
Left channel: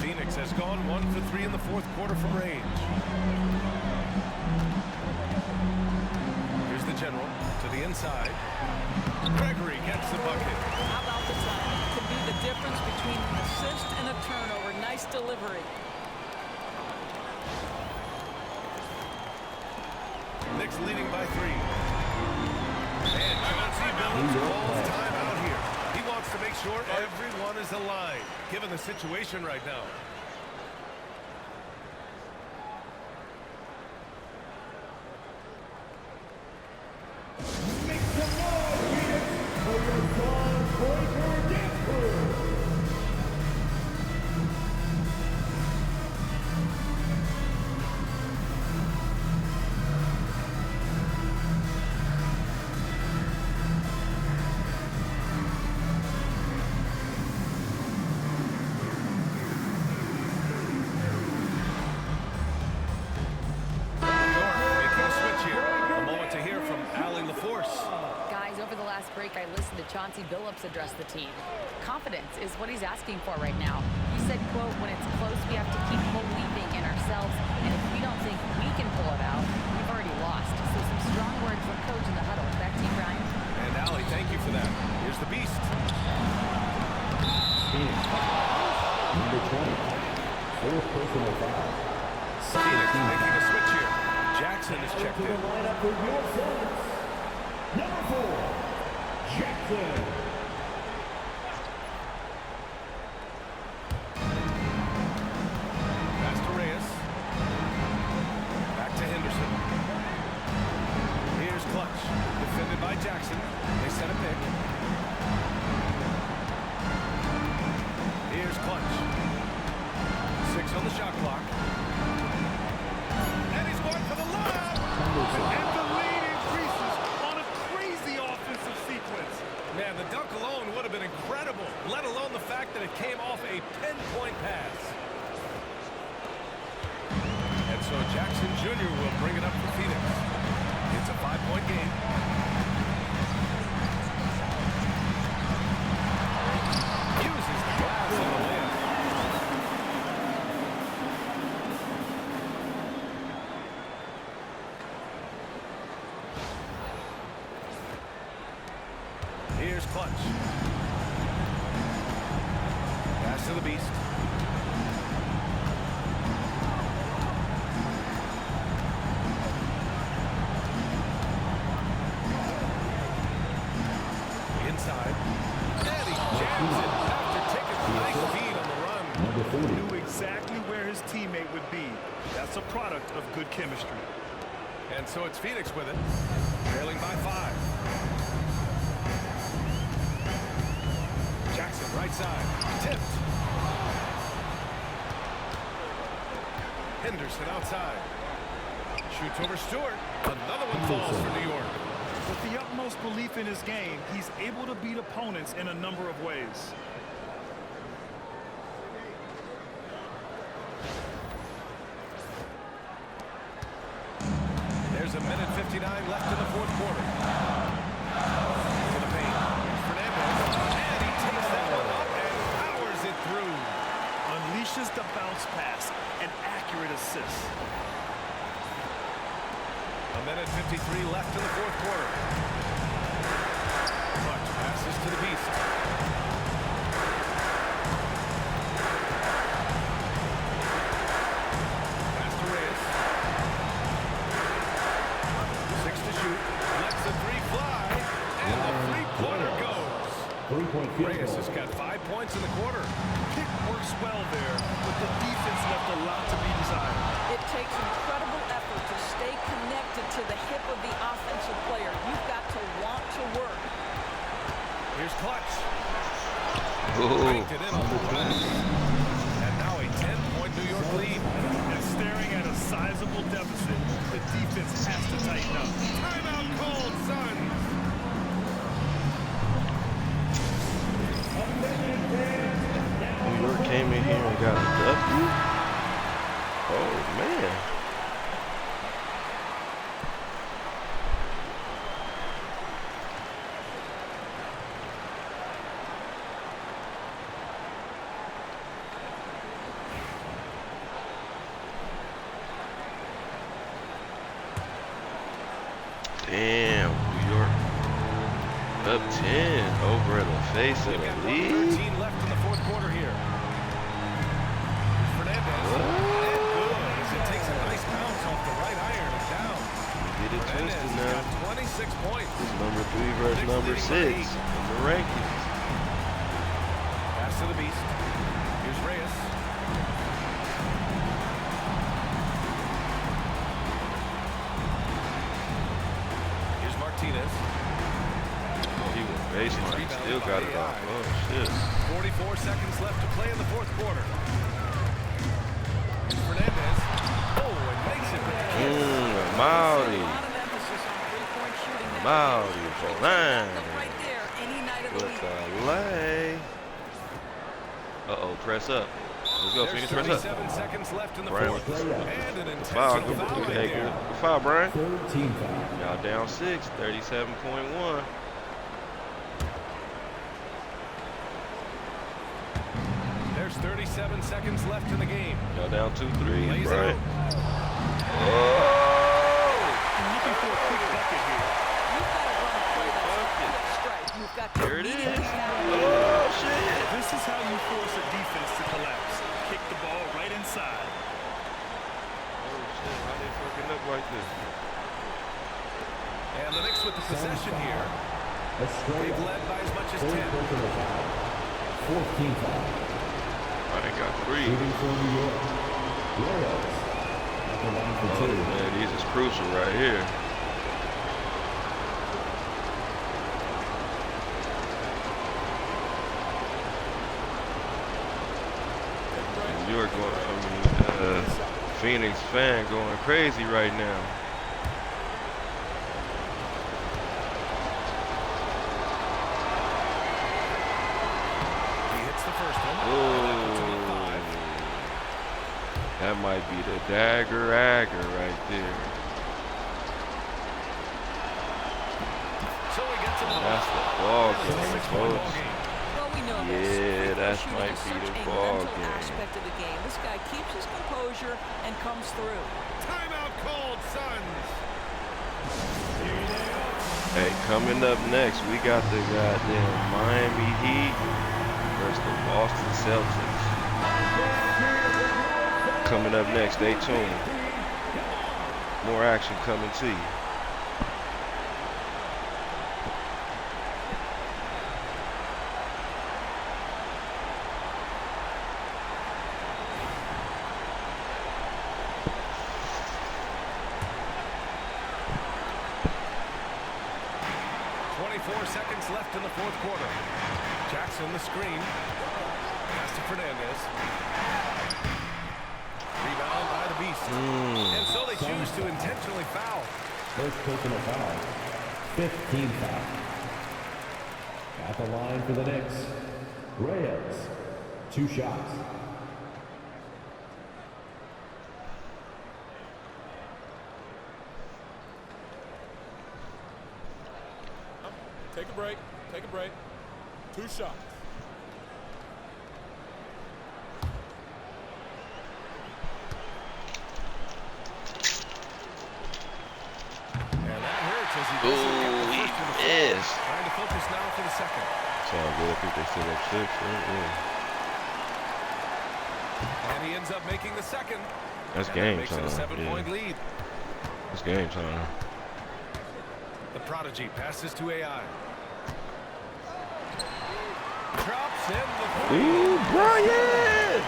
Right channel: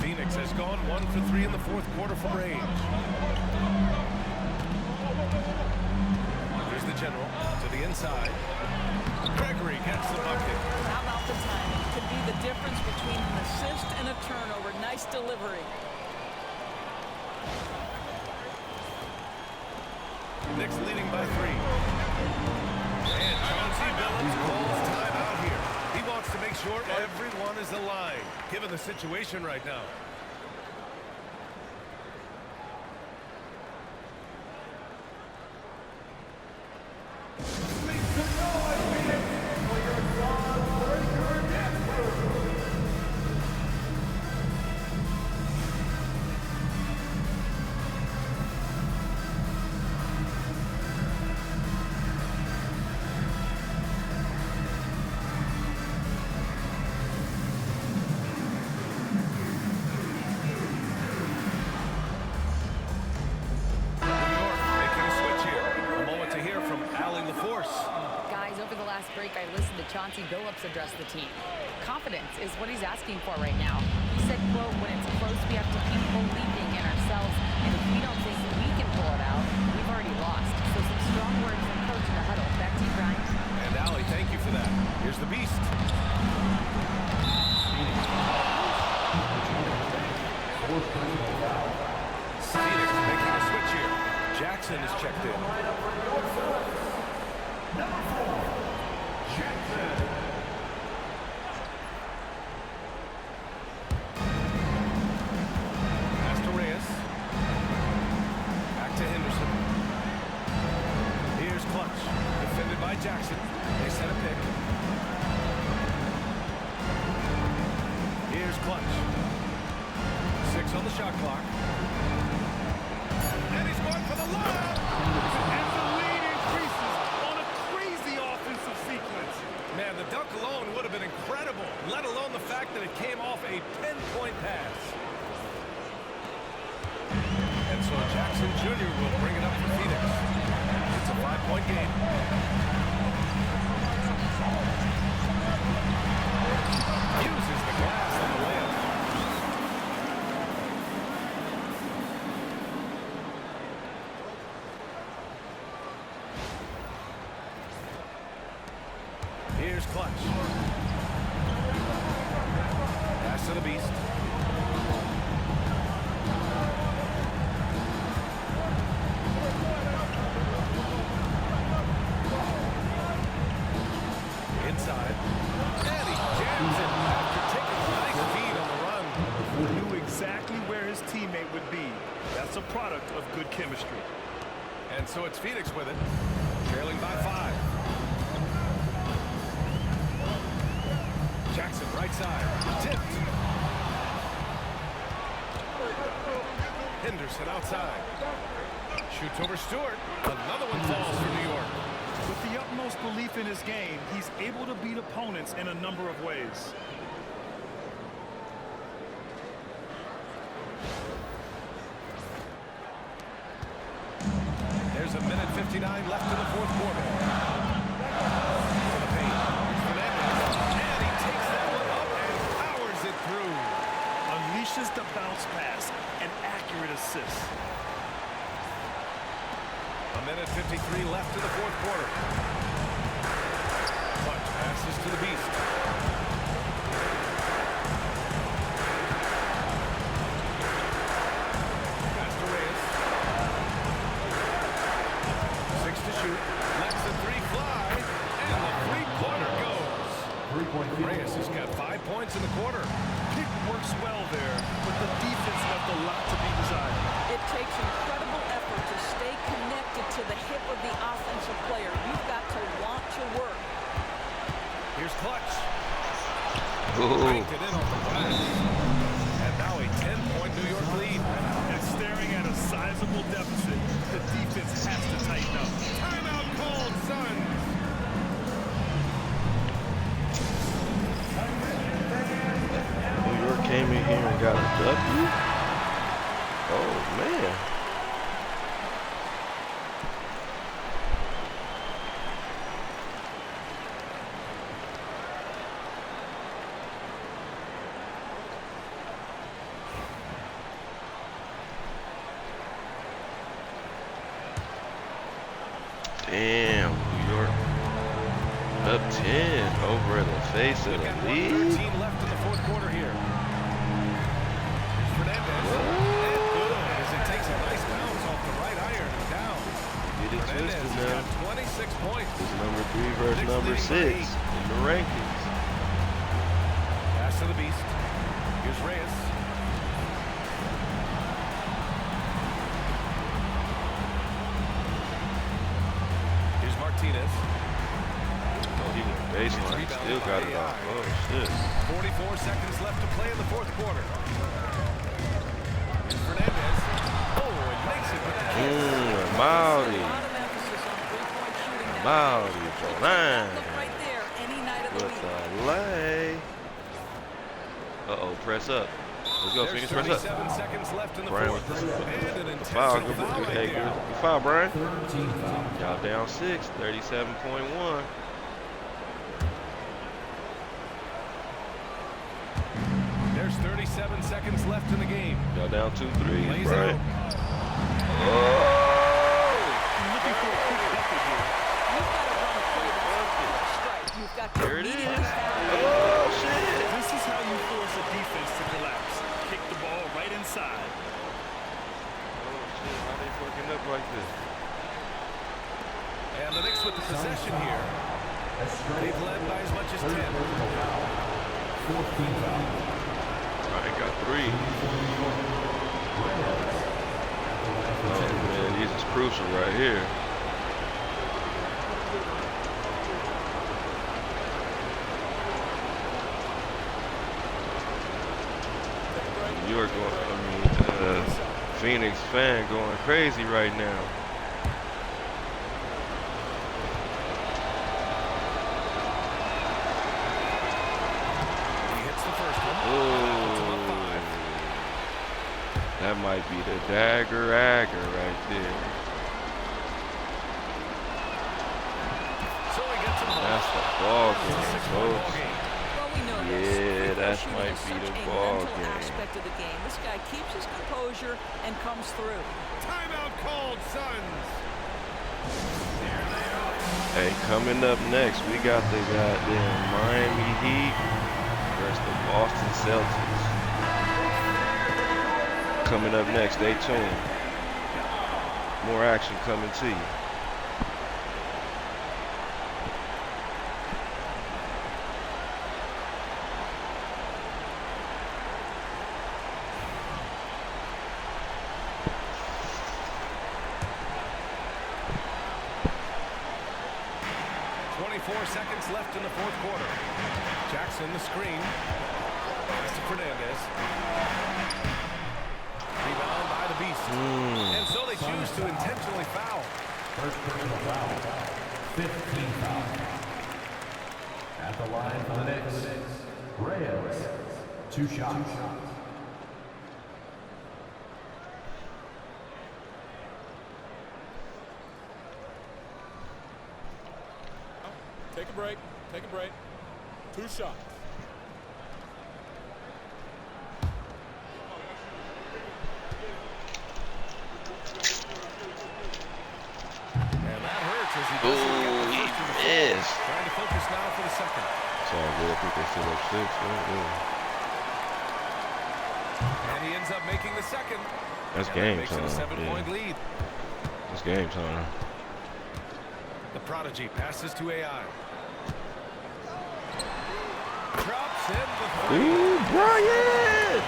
Phoenix has gone 1 for 3 in the fourth quarter from range. Here's the general to the inside. Gregory gets the bucket. How about the timing? Could be the difference between an assist and a turnover. Nice delivery. Knicks leading by 3. And Chauncey Billups calls time out here. He wants to make sure everyone is aligned, given the situation right now. Make some noise, Phoenix, for your song breaker dance crew. To hear from Allie LaForce. Guys, over the last break, I listened to Chauncey Billups address the team. Confidence is what he's asking for right now. He said, quote, when it's close, we have to keep believing in ourselves, and if we don't think we can pull it out, we've already lost. So some strong words from coach in the huddle. Back to you, Brian. And Allie, thank you for that. Here's the Beast. Number 20, fourth personal foul. Phoenix making a switch here. Jackson is checked in. Lineup for your Suns. Number 4, Jackson. Pass to Reyes. Back to Henderson. Here's Clutch. Defended by Jackson. They set a pick. Here's Clutch. 6 on the shot clock. And he's going for the lob. And the lead increases on a crazy offensive sequence. Man, the dunk alone would have been incredible, let alone the fact that it came off a pinpoint pass. And so Jackson Jr. will bring it up for Phoenix. It's a 5-point game. Uses the glass on the layup. Here's Clutch. Pass to the Beast. Inside. And he jams it after taking a nice feed on the run. Knew exactly where his teammate would be. That's a product of good chemistry. And so it's Phoenix with it, trailing by 5. Jackson, right side, tipped. Henderson outside. Shoots over Stewart. Another one falls for New York. With the utmost belief in his game, he's able to beat opponents in a number of ways. There's a minute 59 left in the fourth quarter. To the paint. Here's Fernandez. And he takes that one up and powers it through. Unleashes the bounce pass. An accurate assist. A minute 53 left in the fourth quarter. Clutch passes to the Beast. Pass to Reyes. 6 to shoot. Lets the 3 fly. And the 3-pointer goes. 3-point field. Reyes has got 5 points in the quarter. Pick works well there, but the defense left a lot to be desired. It takes incredible effort to stay connected to the hip of the offensive player. You've got to want to work. Here's Clutch. Ooh. Banked it in off the glass. And now a 10-point New York lead. And staring at a sizable deficit, the defense has to tighten up. Timeout called, Suns. New York came in here and got a W. Oh man. Damn, New York up 10 over the face of the lead. 1:13 left in the fourth quarter here. Here's Fernandez. What? And good as it takes a nice bounce off the right iron and down. We get it Fernandez twisted has now. got 26 points. It's number 3 versus Knicks number leading 6 by 8. in the rankings. Pass to the Beast. Here's Reyes. Here's Martinez. Oh, he went baseline. It's Still rebounded got by it off. AI. Oh, shit. 44 seconds left to play in the fourth quarter. Here's Fernandez. Oh, and makes it with the kiss. Maori. A lot of emphasis on three-point shooting now. Maori for line. Look right there any night of the With week. the lay. Uh-oh, press up. Let's go, There's Phoenix, press up. 37 seconds left in the Brian fourth. with And an the foul. intentional Good, foul good, right hey, there. good foul, Brian. Third team foul. Y'all down 6, 37.1. There's 37 seconds left in the game. Y'all down 2-3, Lays Brian. out. Oh! And looking for a quick bucket here. You've got to run a play that's a quick strike. You've got to There it immediately is. foul. Oh, shit. This is how you force a defense to collapse. Kick the ball right inside. Oh, shit. How they fucking up like this? And the Knicks with the possession here. A straight They've led by as much as 10. third personal foul. Fourth team foul. I ain't got 3. Shooting for New York. Reyes at the line for Oh, two. man, these is crucial right here. New York going, Phoenix fan going crazy right now. He hits the first one. And that puts him up 5. That might be the dagger right there. So he gets them both. That's the ball And it's a game, 6-point ball folks. game. Well, we know Yeah, this. Free throw that shooting might is be such the a ball mental game. aspect of the game. This guy keeps his composure and comes through. Timeout called, Suns. Hey, coming up next, we got the goddamn Miami Heat versus the Boston Celtics. Coming up next, stay tuned. More action coming to you. Seconds left in the fourth quarter. Jackson the screen. Pass to Fernandez. Rebound by the Beast. And so they choose to intentionally foul. First personal foul. 15 foul. At the line for the Knicks. Reyes. 2 shots. Take a break. Take a break. 2 shots. And that hurts as he doesn't get the first one to fall. Yes. Trying to focus now for the second. It's all good. I think they still up 6, right? Yeah. And he ends up making the second. That's and game that makes time. it a 7-point Yeah. lead. That's game time. The prodigy passes to AI. Drops in the 3. Ooh, Brian!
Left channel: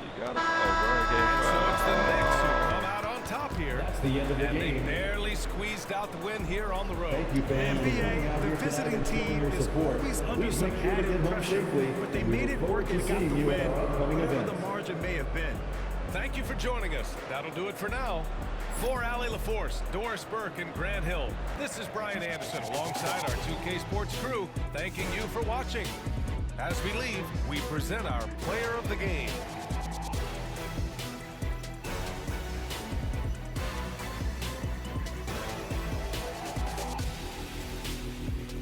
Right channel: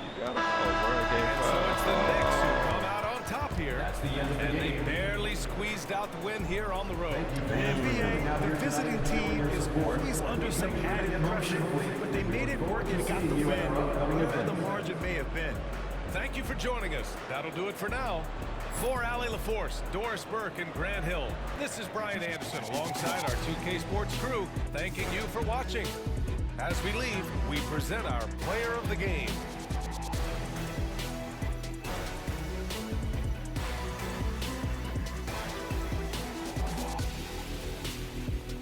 You got him. Oh, Brian gave And so it's the Knicks who come out on top here. That's the end of the And they game. barely squeezed out the win here on the road. Thank you, fans. for coming out The here visiting tonight and showing team your is support. always under We some make sure to added get home pressure, safely. but they We made look it forward work to and got seeing the you at win, our upcoming whatever events. the margin may have been. Thank you for joining us. That'll do it for now. For Allie LaForce, Doris Burke, and Grant Hill, this is Brian Anderson alongside our 2K Sports crew, thanking you for watching. As we leave, we present our player of the game.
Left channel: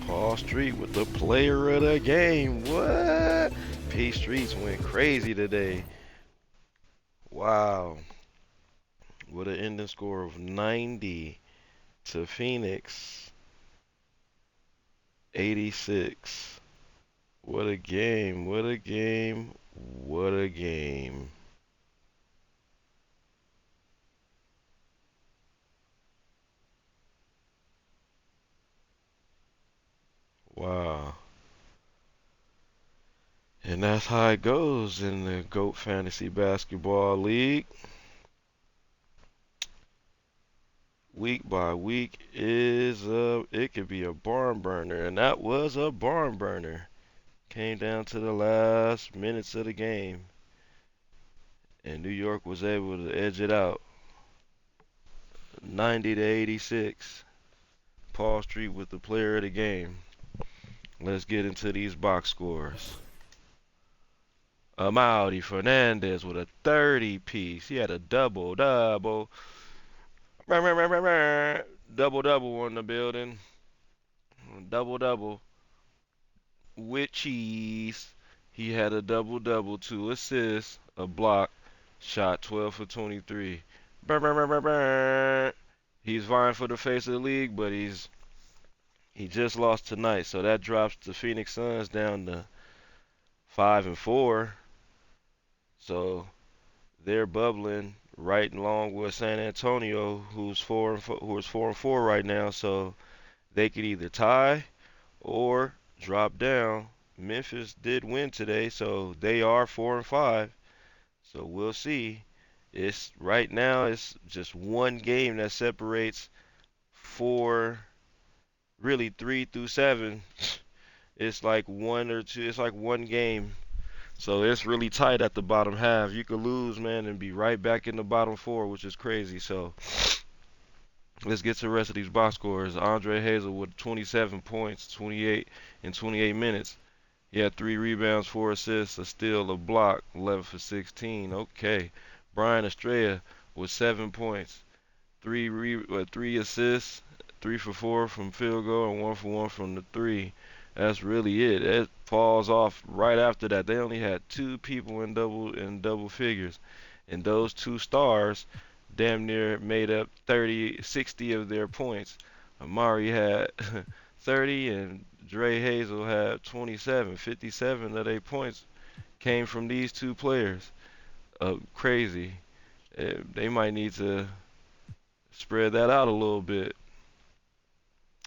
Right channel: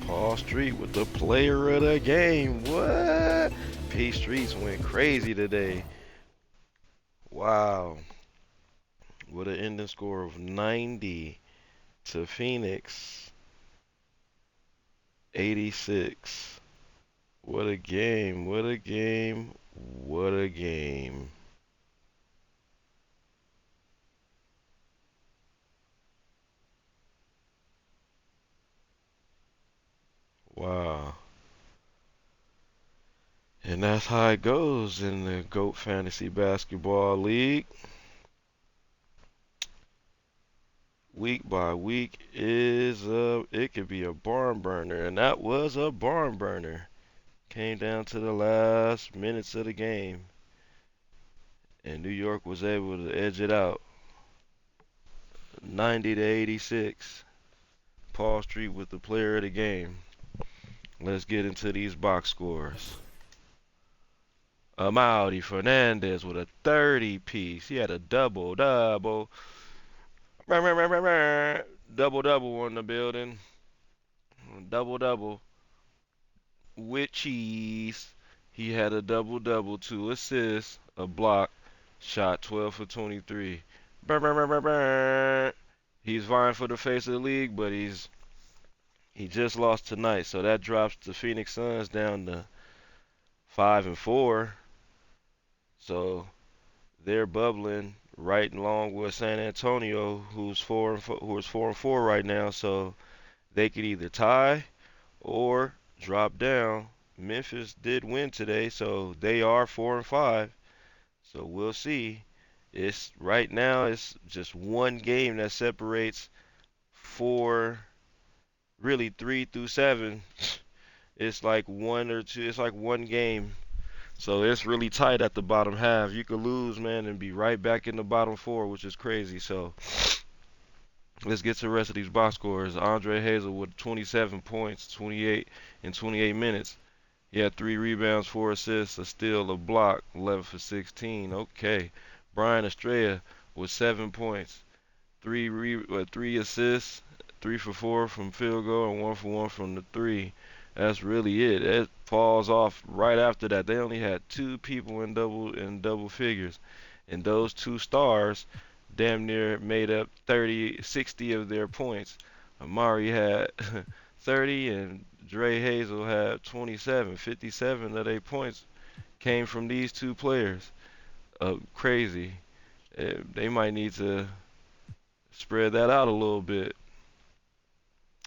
Paul Street with the player of the game. What? Peace Streets went crazy today. Wow. With an ending score of 90 to Phoenix 86. What a game. What a game. What a game. Wow. And that's how it goes in the GOAT Fantasy Basketball League. Week by week it could be a barn burner, and that was a barn burner. Came down to the last minutes of the game, and New York was able to edge it out, 90 to 86. Paul Street with the player of the game. Let's get into these box scores. Amaury Fernandez with a 30 piece. He had a double double. Double double on the building. Double double with cheese. He had a double double, 2 assists, a block, shot 12 for 23. He's vying for the face of the league, but he just lost tonight, so that drops the Phoenix Suns down to 5-4. So they're bubbling right along with San Antonio, who's 4-4 right now. So they could either tie or drop down. Memphis did win today, so they are 4-5. So we'll see. It's right now. It's just one game that separates four, really 3 through 7. It's like one or two. It's like one game. So it's really tight at the bottom half. You could lose, man, and be right back in the bottom 4, which is crazy. So let's get to the rest of these box scores. Andre Hazel with 27 points, 28 in 28 minutes. He had 3 rebounds, 4 assists, a steal, a block, 11 for 16. Okay. Brian Estrella with 7 points, 3 assists, 3 for 4 from field goal, and 1 for 1 from the 3. That's really it. It falls off right after that. They only had 2 people in double figures, and those 2 stars damn near made up 30, 60 of their points. Amari had 30, and Dre Hazel had 27. 57 of their points came from these 2 players. Crazy. They might need to spread that out a little bit.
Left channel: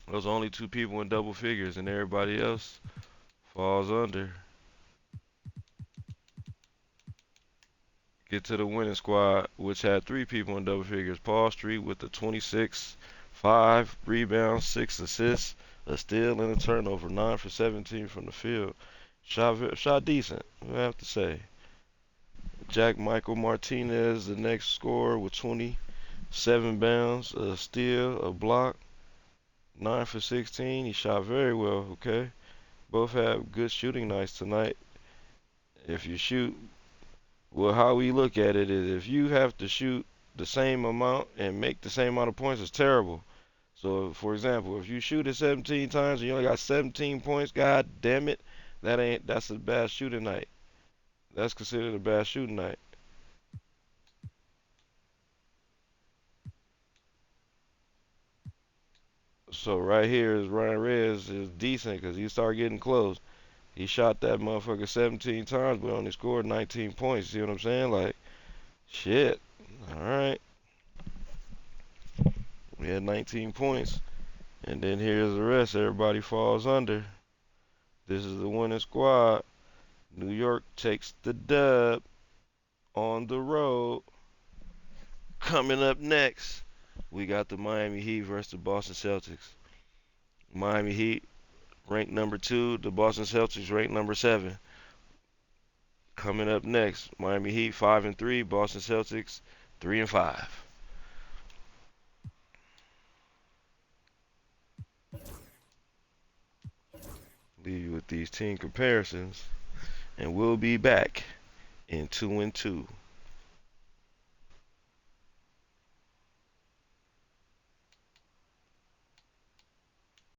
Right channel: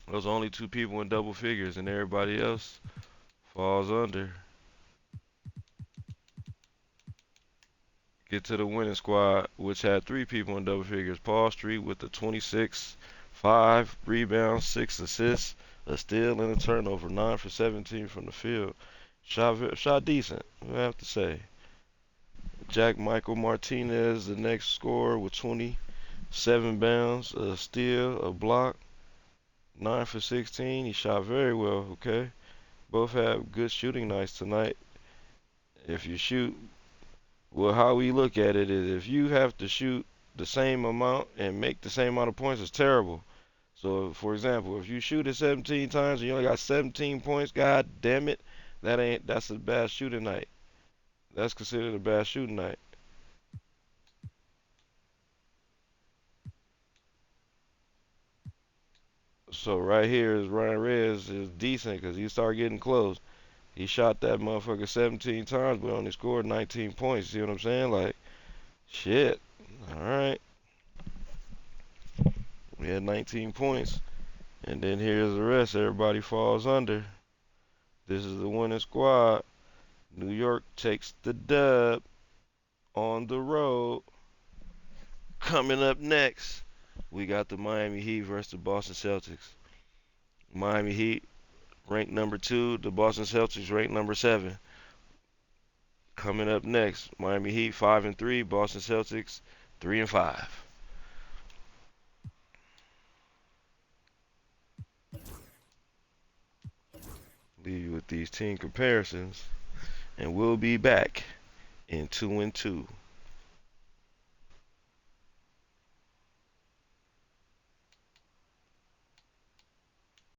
Those are only 2 people in double figures, and everybody else falls under. Get to the winning squad, which had 3 people in double figures. Paul Street with the 26, 5 rebounds, 6 assists, a steal, and a turnover. 9 for 17 from the field. Shot decent, I have to say. Jack Michael Martinez, the next scorer, with 27 bounds, a steal, a block. 9 for 16. He shot very well, okay? Both have good shooting nights tonight. If you shoot, well, how we look at it is if you have to shoot the same amount and make the same amount of points, it's terrible. So, for example, if you shoot it 17 times and you only got 17 points, god damn it, that's a bad shooting night. That's considered a bad shooting night. So right here is Ryan Reyes is decent because he started getting close. He shot that motherfucker 17 times but only scored 19 points. See what I'm saying? Like, shit. All right. We had 19 points. And then here's the rest. Everybody falls under. This is the winning squad. New York takes the dub on the road. Coming up next, we got the Miami Heat versus the Boston Celtics. Miami Heat ranked number 2. The Boston Celtics ranked number 7. Coming up next, Miami Heat 5-3. Boston Celtics 3-5. Leave you with these team comparisons, and we'll be back in 2-2.